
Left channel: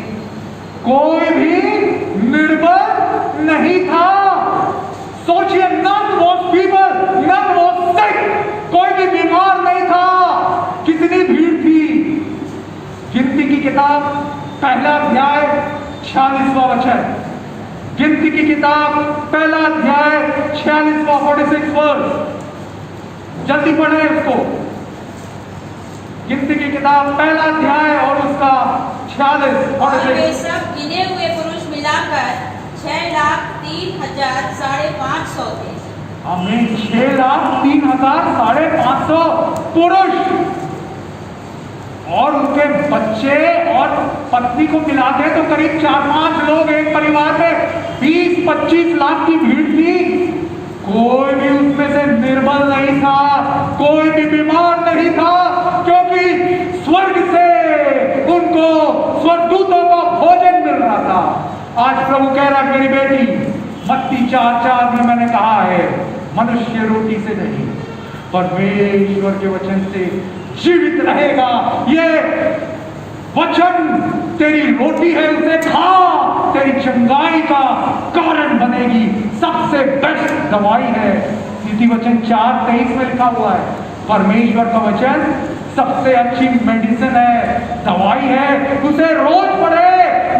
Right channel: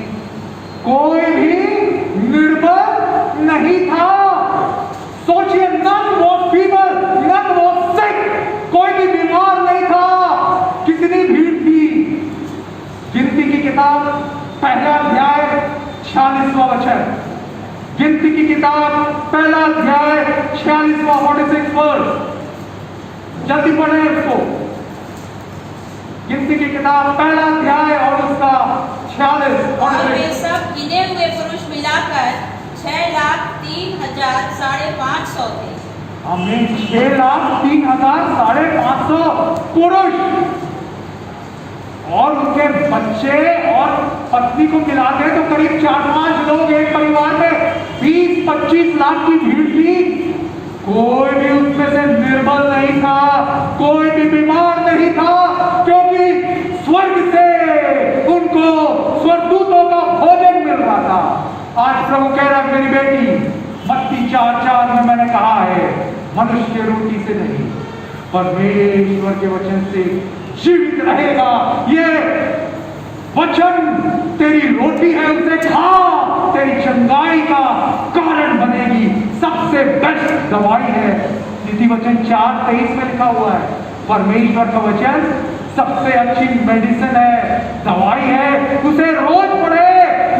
कोई भी निर्बल नहीं था। सोचिए, none was feeble, none was sick, कोई भी बीमार नहीं था। कितनी भीड़ थी। गिनती की किताब 1 अध्याय 46वां वचन। गिनती की किताब 1 अध्याय 46वां 46 वर्ष। जल्दी पढ़े इसको। गिनती की किताब 1 अध्याय और उसका 46 और वे सब गिने हुए पुरुष मिलाकर 6,03,550 थे। आमीन। 6,03,550 400 पुरुष और उनके बच्चे और पत्नी को मिलाते तो करीब 4-5 लोग एक परिवार में 20-25 लाख की भीड़ थी। कोई भी उसमें से निर्बल नहीं था, कोई भी बीमार नहीं था, क्योंकि स्वर्ग से उनको स्वर्गदूतों का भोजन मिल रहा था। आज प्रभु कह रहा है मेरी बेटी, मत्ती 4:4 में मैंने कहा है मनुष्य रोटी से नहीं परमेश्वर के वचन से जीवित रहेगा। ये वचन तेरी रोटी है, उसे खा, तेरी चंगाई का कारण बनेगी। सबसे बेस्ट दवाई है। नीति वचन 4:23 में लिखा हुआ है परमेश्वर का वचन सबसे अच्छी मेडिसिन है, दवाई है, उसे रोज पढ़े।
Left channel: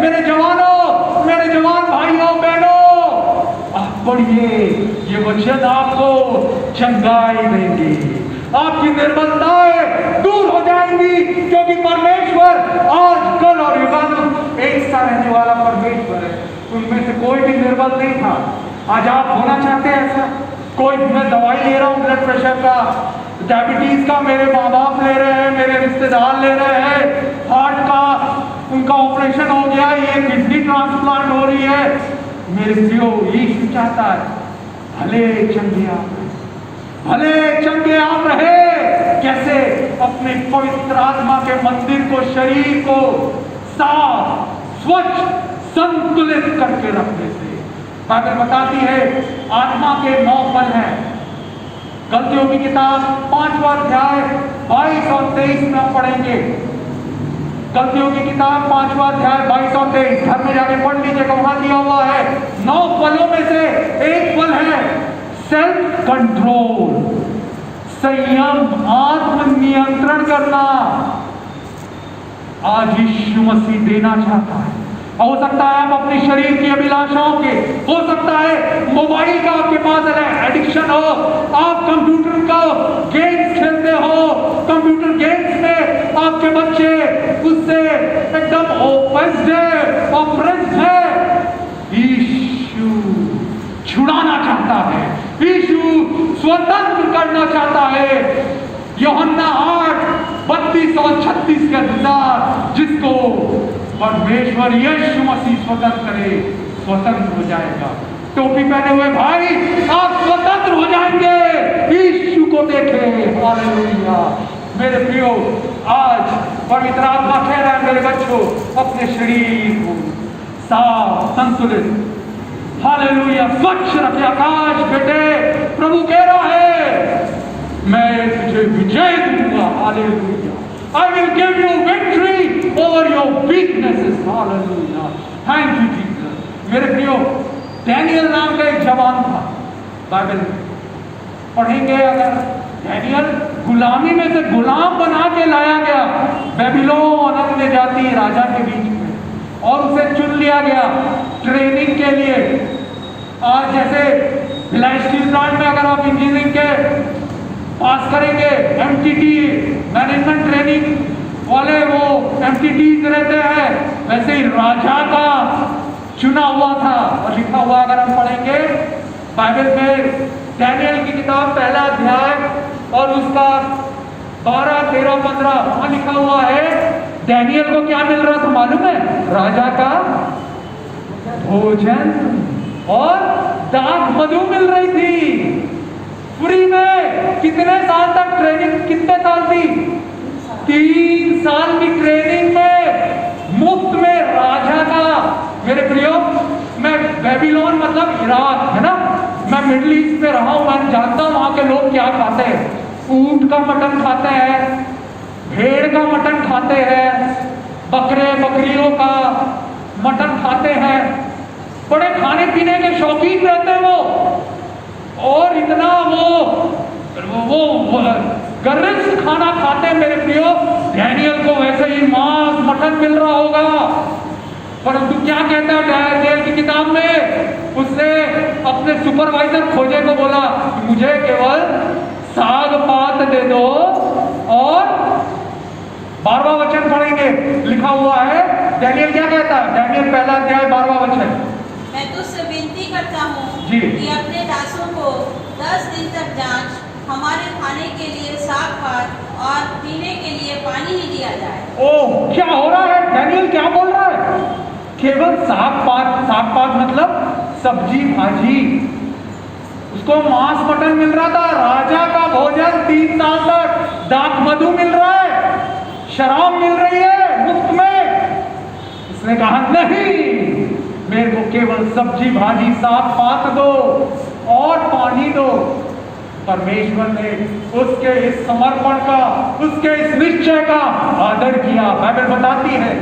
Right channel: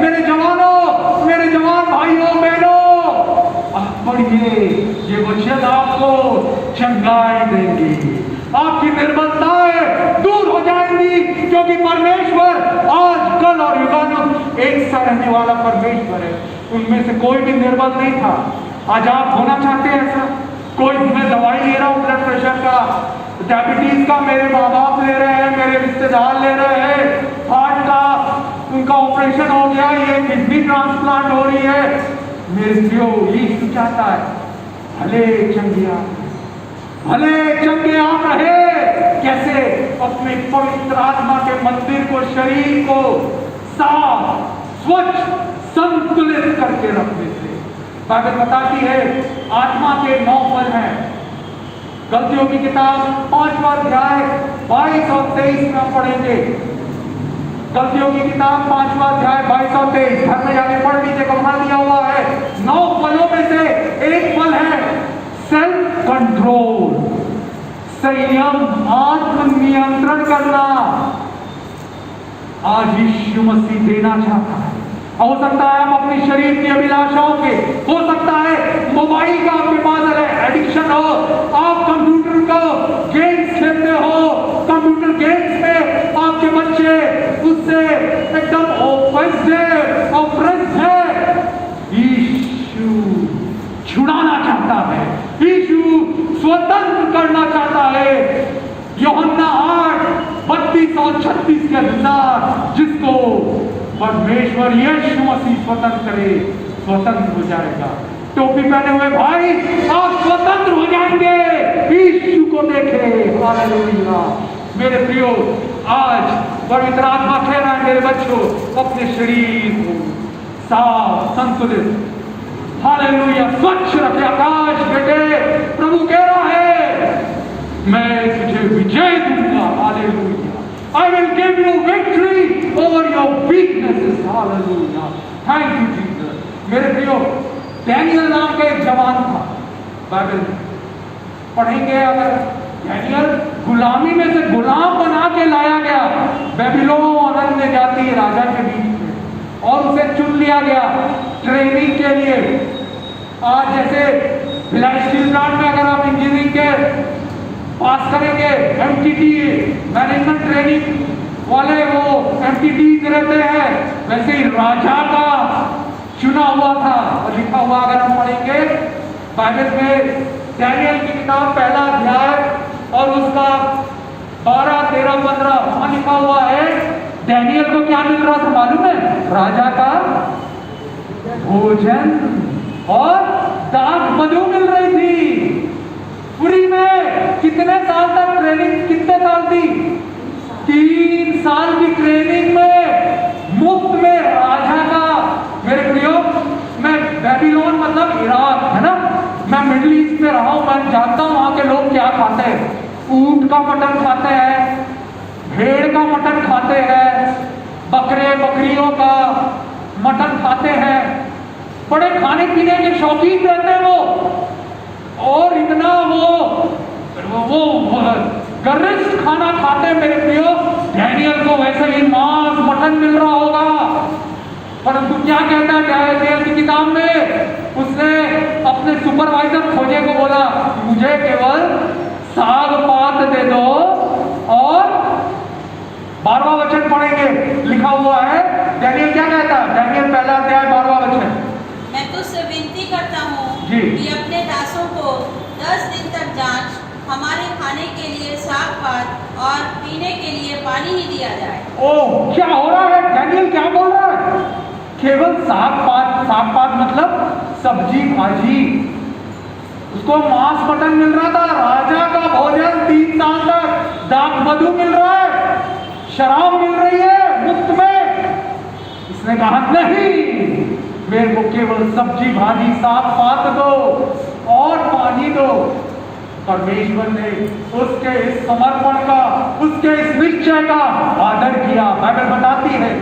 मेरे जवानों, मेरे जवान भाइयों बहनों, आप पढ़िए, ये वचन आपको चंगाई देंगी, आपकी निर्बलताएं दूर हो जाएंगी, क्योंकि परमेश्वर आज कल और युगानुग एक सा रहने वाला परमेश्वर है। उनमें से कोई भी निर्बल नहीं था। आज आप होना चाहते हैं ऐसा? कोई मैं दवाई ले रहा हूँ ब्लड प्रेशर का, डायबिटीज का, मेरे माँ बाप ले रहे हैं, मेरे रिश्तेदार ले रहे हैं, हार्ट का उनका ऑपरेशन हो गया, ये किडनी ट्रांसप्लांट हो रही है। मेरे प्रियो, यीशु चाहता है भले चंगे आप रहे। कैसे? अपने पवित्र आत्मा के मंदिर को, शरीर को साफ, स्वच्छ, संतुलित करके रखने से। बाइबल बताती है आत्मा के 9 फल हैं। गलतियों की किताब 5वां अध्याय 22 और 23 में हम पढ़ेंगे। गलतियों की किताब 5वां अध्याय 22 और 23 घर में जाके पढ़ लीजिए, वहां दिया हुआ है। 9 फलों में से एक फल है सेल्फ कंट्रोल, संयम, आत्म नियंत्रण करना। आज यीशु मसीह देना चाहता है। हो सकता है आप अपने शरीर की अभिलाषाओं के, हो सकता है मोबाइल का आपके पास एडिक्शन हो, आप कंप्यूटर का गेम्स खेलते हो, कंप्यूटर गेम्स में आपके बच्चे उससे एकदम ऑफेंस्ड है। यीशु छुड़ाना चाहता है, यीशु स्वतंत्र करना चाहता है। यूहन्ना 8:32 और 36 के अनुसार जिसको परमेश्वर यीशु मसीह स्वतंत्र करे, स्वतंत्र हो जाएगा। टोपी पहने हुए भाई, आप स्वतंत्र हो जाएंगे यीशु को देखे। हालेलुया। मेरे प्रियो, आज पवित्र आत्मा कह रहा है मेरे बच्चों, अपने शरीर को साफ, संतुलित, हालेलुया, स्वच्छ रखे। आकाश बेटे, प्रभु कह रहा है मैं तुझे विजय दूंगा। Hallelujah. I will give you victory over your weaknesses. Hallelujah. Thank you, Jesus. मेरे प्रियो, डैनियल नाम का एक जवान था। बाइबल पढ़ेंगे अगर, डैनियल गुलामी में से गुलाम बना के लाया गया बेबीलोन अन्य जाति राजा के बीच में, और उसे चुन लिया गया ट्रेनिंग के लिए। आज जैसे भिलाई स्टील प्लांट में अगर आप इंजीनियरिंग के पास करेंगे, एमटीटी मैनेजमेंट ट्रेनिंग वाले वो एमटीटीज रहते हैं, वैसे ही राजा का चुना हुआ था। और लिखा हुआ अगर हम पढ़ेंगे बाइबल में डैनियल की किताब 1 अध्याय और उसका 12, 13, 15 वहां लिखा हुआ है डैनियल को क्या मिल रहा था मालूम है? राजा का भोजन और दाख मधु मिल रही थी फ्री में। कितने साल तक ट्रेनिंग? कितने साल थी? 3 साल की ट्रेनिंग में मुफ्त में राजा का। मेरे प्रियो, मैं बेबीलोन मतलब इराक है ना, मैं मिडिल ईस्ट में रहा हूं, मैं जानता हूं वहां के लोग क्या खाते हैं। ऊंट का मटन खाते हैं, भेड़ का मटन खाते हैं, बकरे बकरियों का मटन खाते हैं, बड़े खाने पीने के शौकीन रहते हैं वो। और इतना वो गरिष्ठ खाना खाते हैं। मेरे प्रियो, डैनियल को वैसे ही मांस मटन मिल रहा होगा, परंतु क्या कहता है डैनियल की किताब में? उसने अपने सुपरवाइजर खोजे को बोला मुझे केवल साग पात दे दो। और 12वां वचन पढ़ेंगे, लिखा हुआ है डैनियल क्या कहता है? डैनियल 1 अध्याय 12वां वचन, मैं तुझसे विनती करता हूँ जी कि अपने दासों को 10 दिन तक जांच, हमारे खाने के लिए साग पानी ही दिया जाए। ओह, क्या हो रहा है? डैनियल क्या बोल रहा है? केवल साग पात मतलब सब्जी भाजी, उसको मांस मटन मिल रहा था, राजा का भोजन 3 साल तक, दाख मधु मिल रहा है, शराब मिल रही है मुफ्त में। उसने कहा नहीं, मेरे को केवल सब्जी भाजी साग पात दो और पानी दो। परमेश्वर ने उसके इस समर्पण का, उसके इस निश्चय का आदर किया। बाइबल बताती है,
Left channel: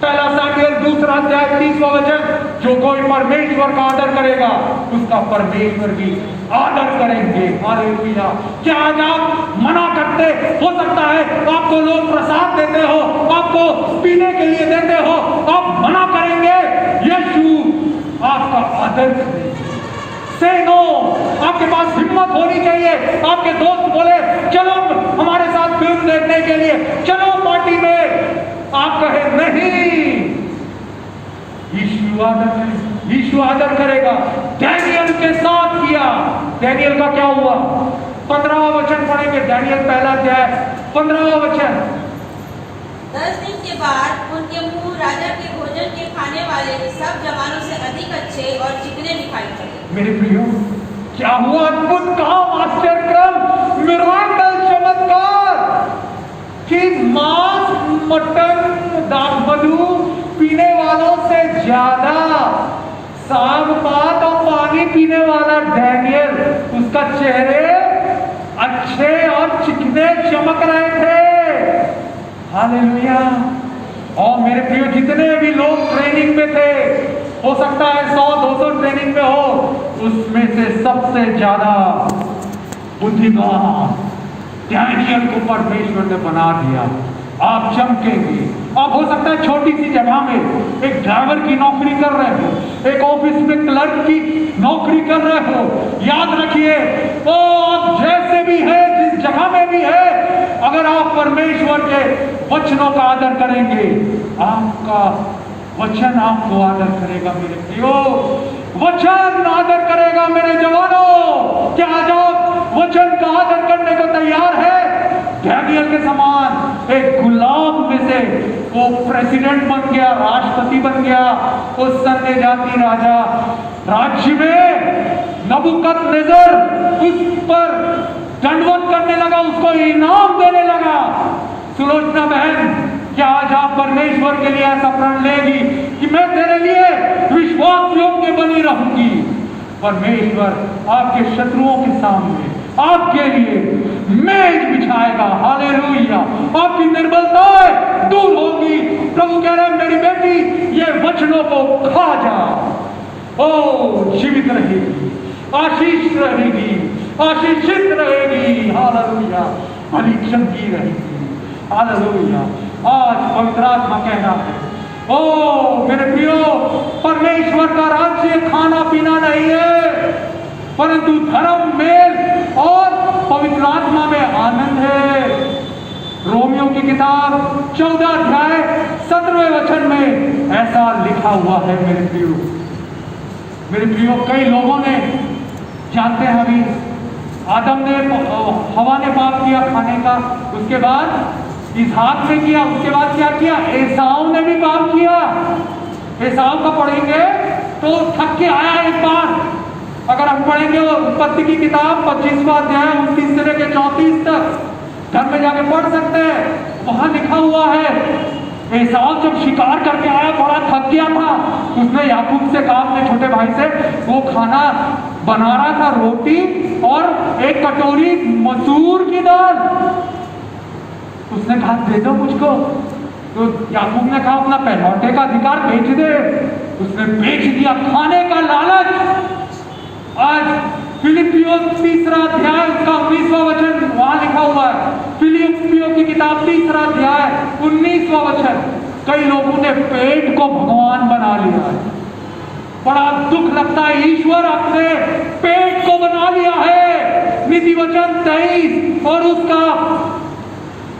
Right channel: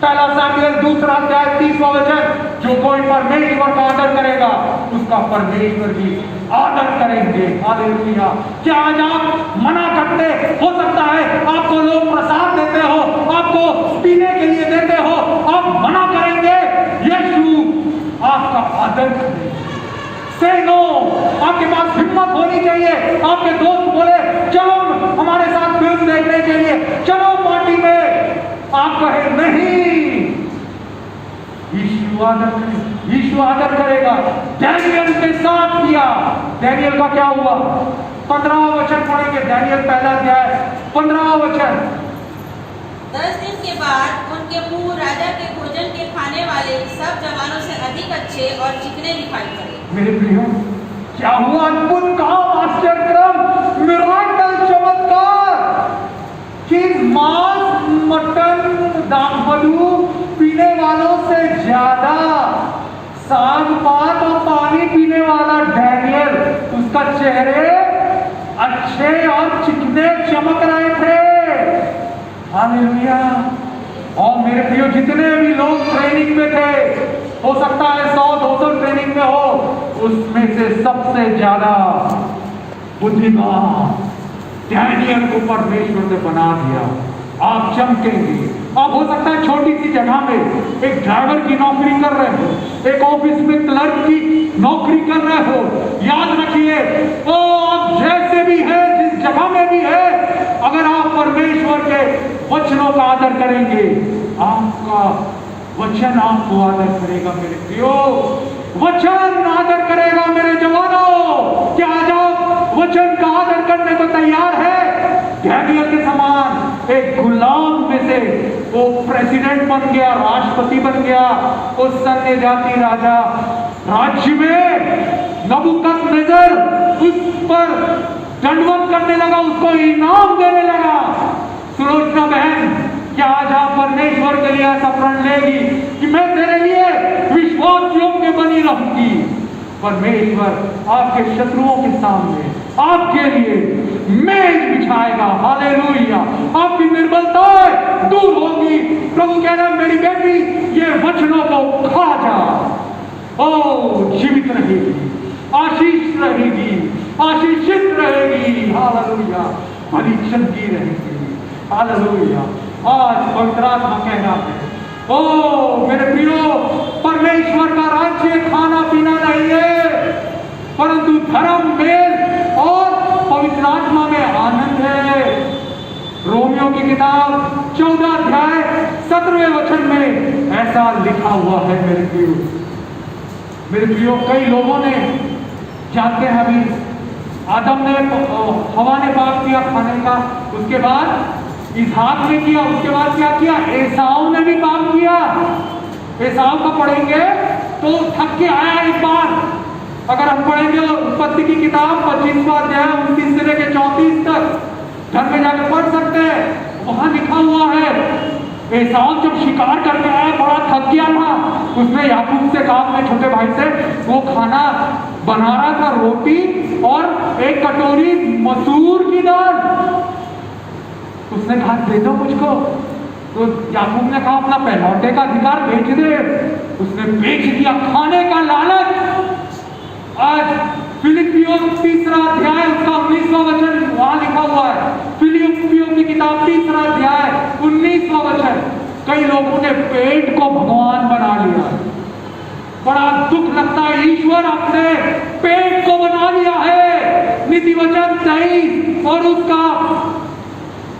1 सामुएल 2 अध्याय 30वां वचन, जो कोई परमेश्वर का आदर करेगा उसका परमेश्वर भी आदर करेंगे। हालेलुया। क्या आज आप मना करते? हो सकता है आपको लोग प्रसाद देते हो, आपको पीने के लिए देते हो, आप मना करेंगे, यीशु आपका आदर करेगा। से नो, आपके पास हिम्मत होनी चाहिए। आपके दोस्त बोले चलो हमारे साथ फिल्म देखने के लिए, चलो पार्टी में, आप कहे नहीं, यीशु आदर करेगा। डैनियल के साथ किया। डैनियल का क्या हुआ? 15वां वचन पढ़ेंगे, डैनियल 1 अध्याय 15वां वचन। 10 दिन के बाद उनके मुंह राजा के भोजन के खाने वाले सब जवानों से अधिक अच्छे और चिकने दिखाई पड़े। मेरे प्रियो, क्या हुआ? अद्भुत काम, आश्चर्यक्रम, मिराकल, चमत्कार कि मांस मटन दाख मधु पीने वालों से ज्यादा साग पात और पानी पीने वाला डैनियल, उसका चेहरे अच्छे और चिकने चमक रहे थे। हालेलुया। और मेरे प्रियो, जितने भी लोग ट्रेनिंग में थे, हो सकता है 100-200 ट्रेनिंग में हो, उसमें से सबसे ज्यादा बुद्धिमान डैनियल को परमेश्वर ने बना दिया। आप चमकेंगे। आप हो सकता है छोटी सी जगह में एक ड्राइवर की नौकरी कर रहे हो, एक ऑफिस में क्लर्क की नौकरी कर रहे हो, याद रखिए, ओ आप जैसे भी है, जिस जगह में भी है, अगर आप परमेश्वर के वचनों का आदर करेंगे, आपका वचन आपको आदर करेगा। मेरे प्रियो, वचन आदर करेगा। मेरे जवानों, क्या आज आप वचन का आदर करने को तैयार है? डैनियल के समान एक गुलाम में से वो प्रेसिडेंट बन गया, राष्ट्रपति बन गया, उस सन्य जाति राजा राज्य में नबूकदनेस्सर उस पर दंडवत करने लगा, उसको इनाम देने लगा। सुलोचना बहन, क्या आज आप परमेश्वर के लिए ऐसा प्रण लेगी कि मैं तेरे लिए विश्वास योग्य बनी रहूंगी? परमेश्वर आपके शत्रुओं के सामने आपके लिए मेज बिछाएगा। हालेलुया। आपकी निर्बलताएं दूर होगी। प्रभु कह रहे हैं, मेरी बेटी, ये वचनों को खा जा, ओ जीवित रहेगी, आशीष रहेगी, आशीषित रहेगी। हालेलुया। परीक्षण की रहेगी। हालेलुया। आज पवित्र आत्मा कह रहा है, ओ मेरे प्रियो, परमेश्वर का राज्य खाना पीना नहीं है, परंतु धर्म, मेल और पवित्र आत्मा में आनंद है। रोमियो की किताब 14 अध्याय 17वें वचन में ऐसा लिखा हुआ है। मेरे प्रियो, कई लोगों ने, जानते हैं, अभी आदम ने, हवा ने पाप किया खाने का, उसके बाद इसहाक ने किया, उसके बाद क्या किया? एसाव ने भी पाप किया। एसाव का पढ़ेंगे तो थक के आया एक बार। अगर हम पढ़ेंगे उत्पत्ति की किताब 25वां अध्याय 29 से लेकर 34 तक, घर में जाकर पढ़ सकते हैं, वहां लिखा हुआ है, एसाव जब शिकार करके आया, बड़ा थक गया था, उसने याकूब से कहा, अपने छोटे भाई से, वो खाना बना रहा था, रोटी और एक कटोरी मसूर की दाल। उसने कहा, दे दो मुझको। तो याकूब ने कहा, अपना पहलौठे का अधिकार बेच दे। उसने बेच दिया, खाने का लालच। आज फिलिपियों 3 अध्याय उसका 19वां वचन वहां लिखा हुआ है। फिलिपियों की किताब 3 अध्याय 19वां वचन। कई लोगों ने पेट को भगवान बना लिया है। बड़ा दुख लगता है, ईश्वर अपने पेट को बना लिया है। नीति वचन 23 और उसका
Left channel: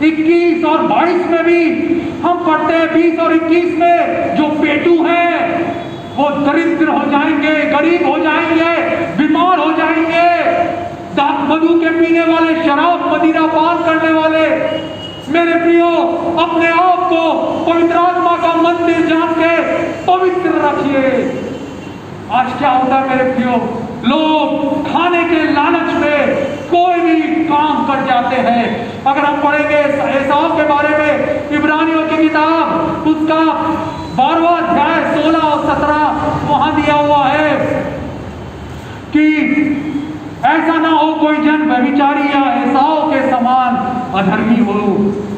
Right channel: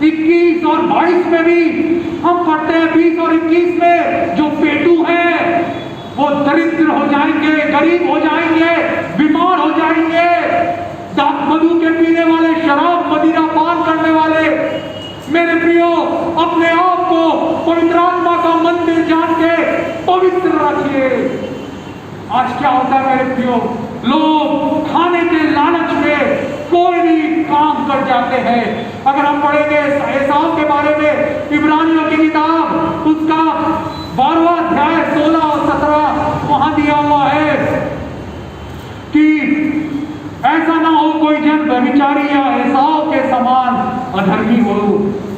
21 और 22 में भी हम पढ़ते हैं, 20 और 21 में, जो पेटू है वो दरिद्र हो जाएंगे, गरीब हो जाएंगे, बीमार हो जाएंगे। दाख मधु के पीने वाले, शराब मदिरा पान करने वाले, मेरे प्रियो, रखिए। आज क्या होता है मेरे प्रियो, लोग खाने के लालच में कोई भी काम कर जाते हैं। अगर हम पढ़ेंगे एसाव के बारे में इब्रानियों की किताब, उसका 12वां अध्याय 16 और 17 वहां दिया हुआ है कि ऐसा ना हो कोई जन व्यभिचारी या एसाव के समान अधर्मी हो,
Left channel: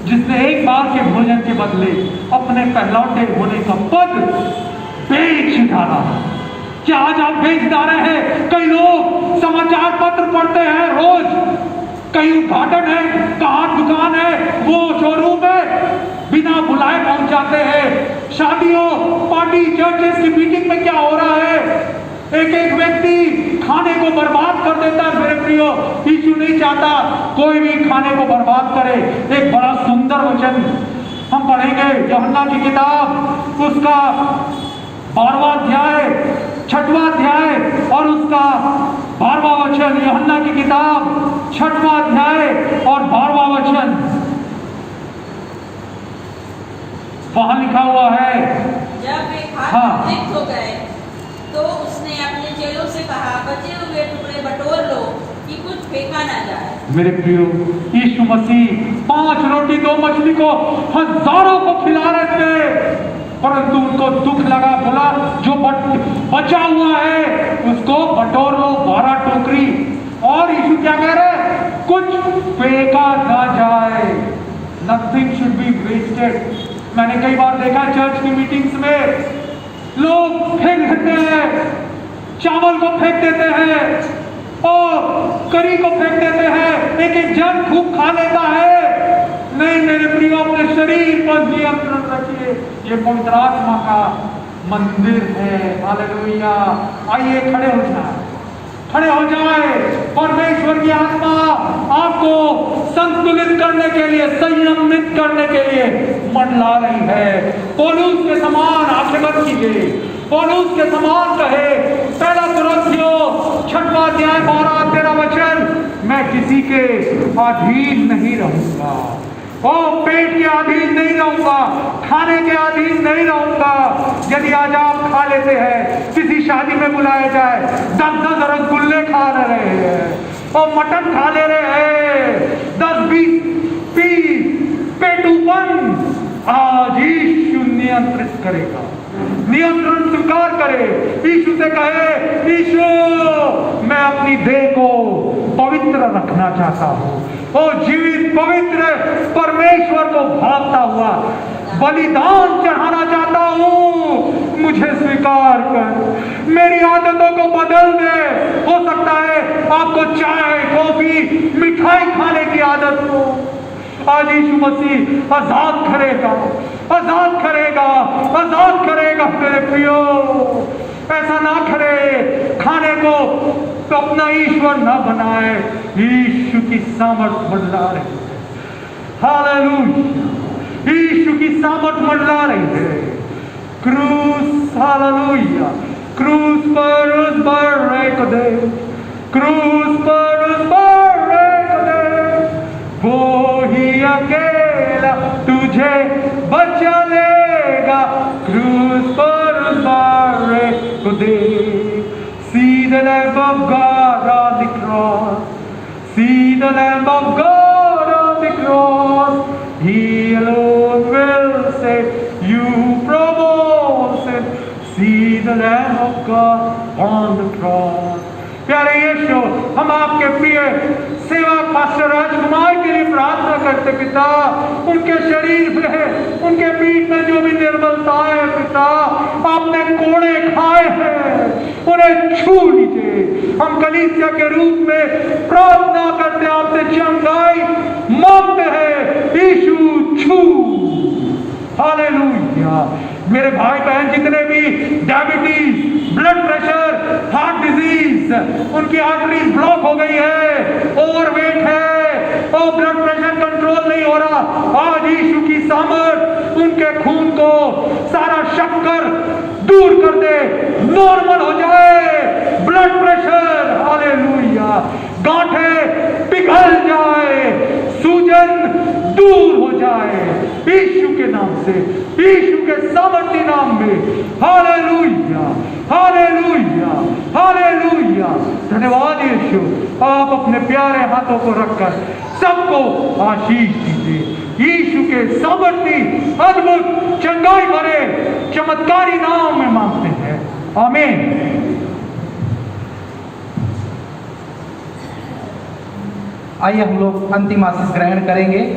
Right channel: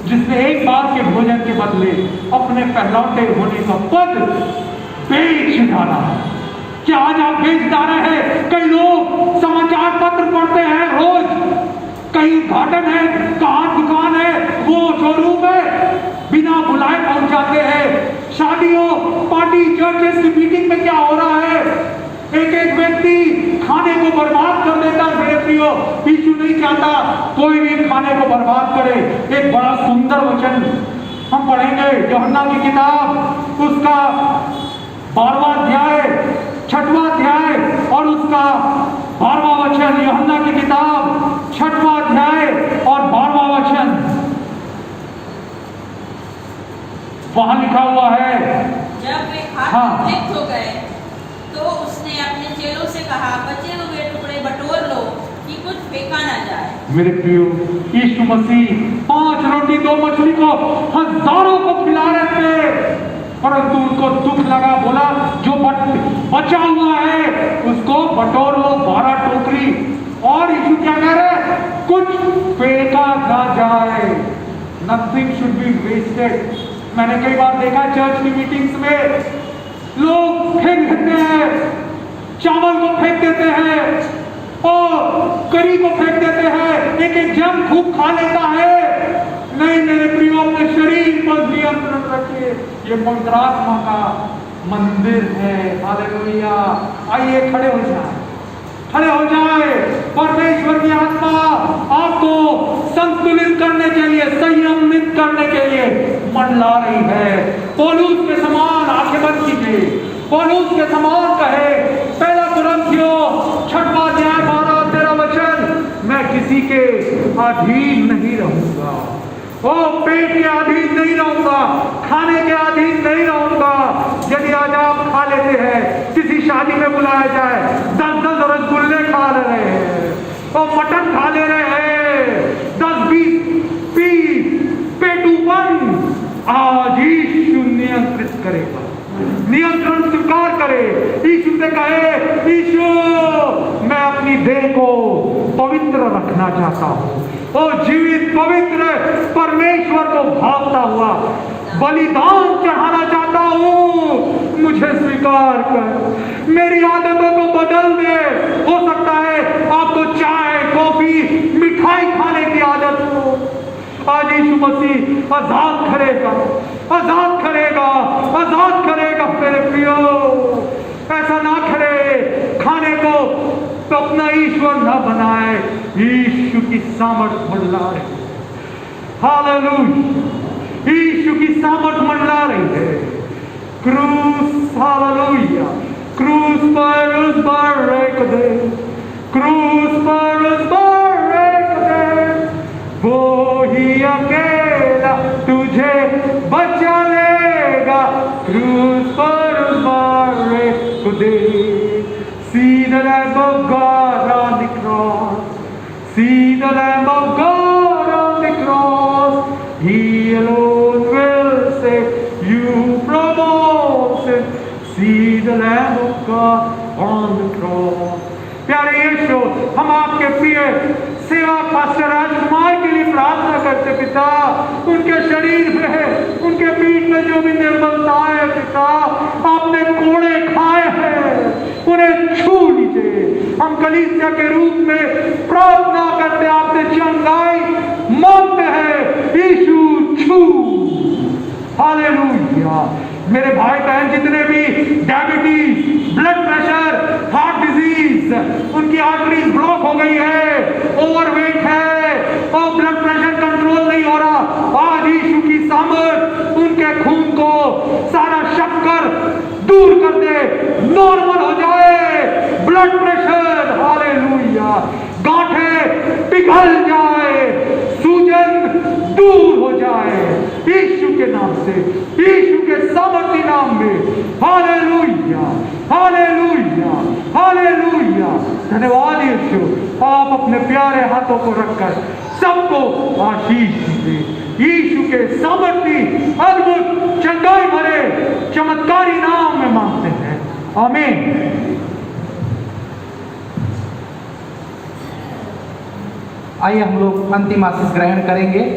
जिसने एक बार के भोजन के बदले अपने पहलौठे होने का पद बेच डाला। क्या आज आप बेच डाले हैं? कई लोग समाचार पत्र पढ़ते हैं रोज, कहीं उद्घाटन है, कहाँ दुकान है, वो शोरूम है, बिना बुलाए पहुंच जाते हैं। शादियों, पार्टी, चर्चेस की मीटिंग में क्या हो रहा है, एक एक व्यक्ति खाने को बर्बाद कर देता है। मेरे प्रियो, यीशु नहीं चाहता कोई भी खाने को बर्बाद करे। एक बड़ा सुंदर वचन हम पढ़ेंगे यूहन्ना की किताब, उसका 12वां अध्याय 6वां अध्याय और उसका 12वां वचन। यूहन्ना की किताब 6वां अध्याय और 12वां वचन, वहां लिखा हुआ है। जब वे खाकर तृप्त हो गए तो उसने अपने चेलों से कहा, बचे हुए टुकड़े बटोर लो कि कुछ फेंका ना जाए। मेरे प्रियो, यीशु मसीह 5 रोटी 2 मछली को हजारों को खिला रहे थे, परंतु उनको दुख लगा, बोला जो बचा हुआ है उसको बटोर लो 12 टोकरी। और यीशु क्या कह रहे, कुछ फेंका ना जाए। Nothing should be wasted. मैंने कई बार देखा चर्च की मीटिंग्स में लोग फेंक देते हैं, चावल को फेंक देते हैं और करी को फेंक देते हैं, एक एक जन खूब खा लेता है। नहीं मेरे प्रियो, अपने शरीर पर नियंत्रण रखिए। ये पवित्र आत्मा का मंदिर है। हालेलुया। आइए खड़े हो जाए, खड़े हो जाए। परमेश्वर की आत्मा आपको संतुलित करने के लिए, संयमित करने के लिए मंडला रही है। पौलुस के समान आंखें बंद कीजिए, पौलुस के समान कहे, पहला कुरिन्थियों 6वां अध्याय 12-13 वचन, मैं किसी के अधीन नहीं रहूंगा। ओ पेट के अधीन नहीं रहूंगा, खाने के अधीन नहीं रहूंगा। यदि आज आप खा लेते हैं, किसी शादी में बुलाया जाए, 10-10 रसगुल्ले खा रहे हैं और मटन खा ले रहे हैं, 10-20 पीस पेटूपन, आज यीशु नियंत्रित करेगा, नियंत्रण स्वीकार करे। यीशु से कहे, यीशु मैं अपनी देह को पवित्र रखना चाहता हूँ, और जीवित पवित्र परमेश्वर को भावता हुआ बलिदान चढ़ाना चाहता हूँ। मुझे स्वीकार कर, मेरी आदतों को बदल दे। हो सकता है आपको चाय, कॉफी, मिठाई खाने की आदत हो, आज यीशु मसीह आजाद करेगा, आजाद करेगा, आजाद करेगा। मेरे प्रियो, ऐसा ना करे, खाने को तो अपना ईश्वर ना बनाए। यीशु की सामर्थ मंडला रही है। हालेलुया। यीशु की सामर्थ मंडला रही है। क्रूस, हालेलुया, क्रूस पर उस बर्रे दे, क्रूस पर उस बर्रे दे, वो ही अकेला तुझे बचा लेगा। क्रूस पर उस बर्रे दे। See the Lamb of God on the cross. See the Lamb of God on the cross. He alone will save you from all sin. See the Lamb of God on the cross. प्यारे यीशु, हम आपके प्रिय सेवक pastor राजकुमार के लिए प्रार्थना करते पिता, उनके शरीर में, उनके पीठ में जो भी निर्बलता है पिता, आपने कोड़े खाए हैं, उन्हें छू लीजिए। हम कलीसिया के रूप में प्रार्थना करते, आपसे चंगाई मांगते हैं, यीशु छू। हालेलुया। मेरे भाई बहन जितने भी diabetes, blood pressure, heart disease, उनकी आर्टरी ब्लॉक हो गई है, ओवरवेट है और ब्लड प्रेशर कंट्रोल नहीं हो रहा, आज यीशु की सामर्थ उनके खून को, सारा शक्कर दूर कर दे, नॉर्मल हो जाए ब्लड प्रेशर। हालेलुया। गांठें पिघल जाए, सूजन दूर हो जाए, यीशु के नाम से, यीशु के सामर्थी नाम में। हालेलुया। धन्यवाद यीशु, आप अपने प्यारे हाथों को रखकर सबको आशीष दीजिए। यीशु के सामर्थी अद्भुत चंगाई भरे चमत्कारी नाम में मांगते हैं, आमीन। आइए हम लोग अंतिम आशीष ग्रहण करेंगे।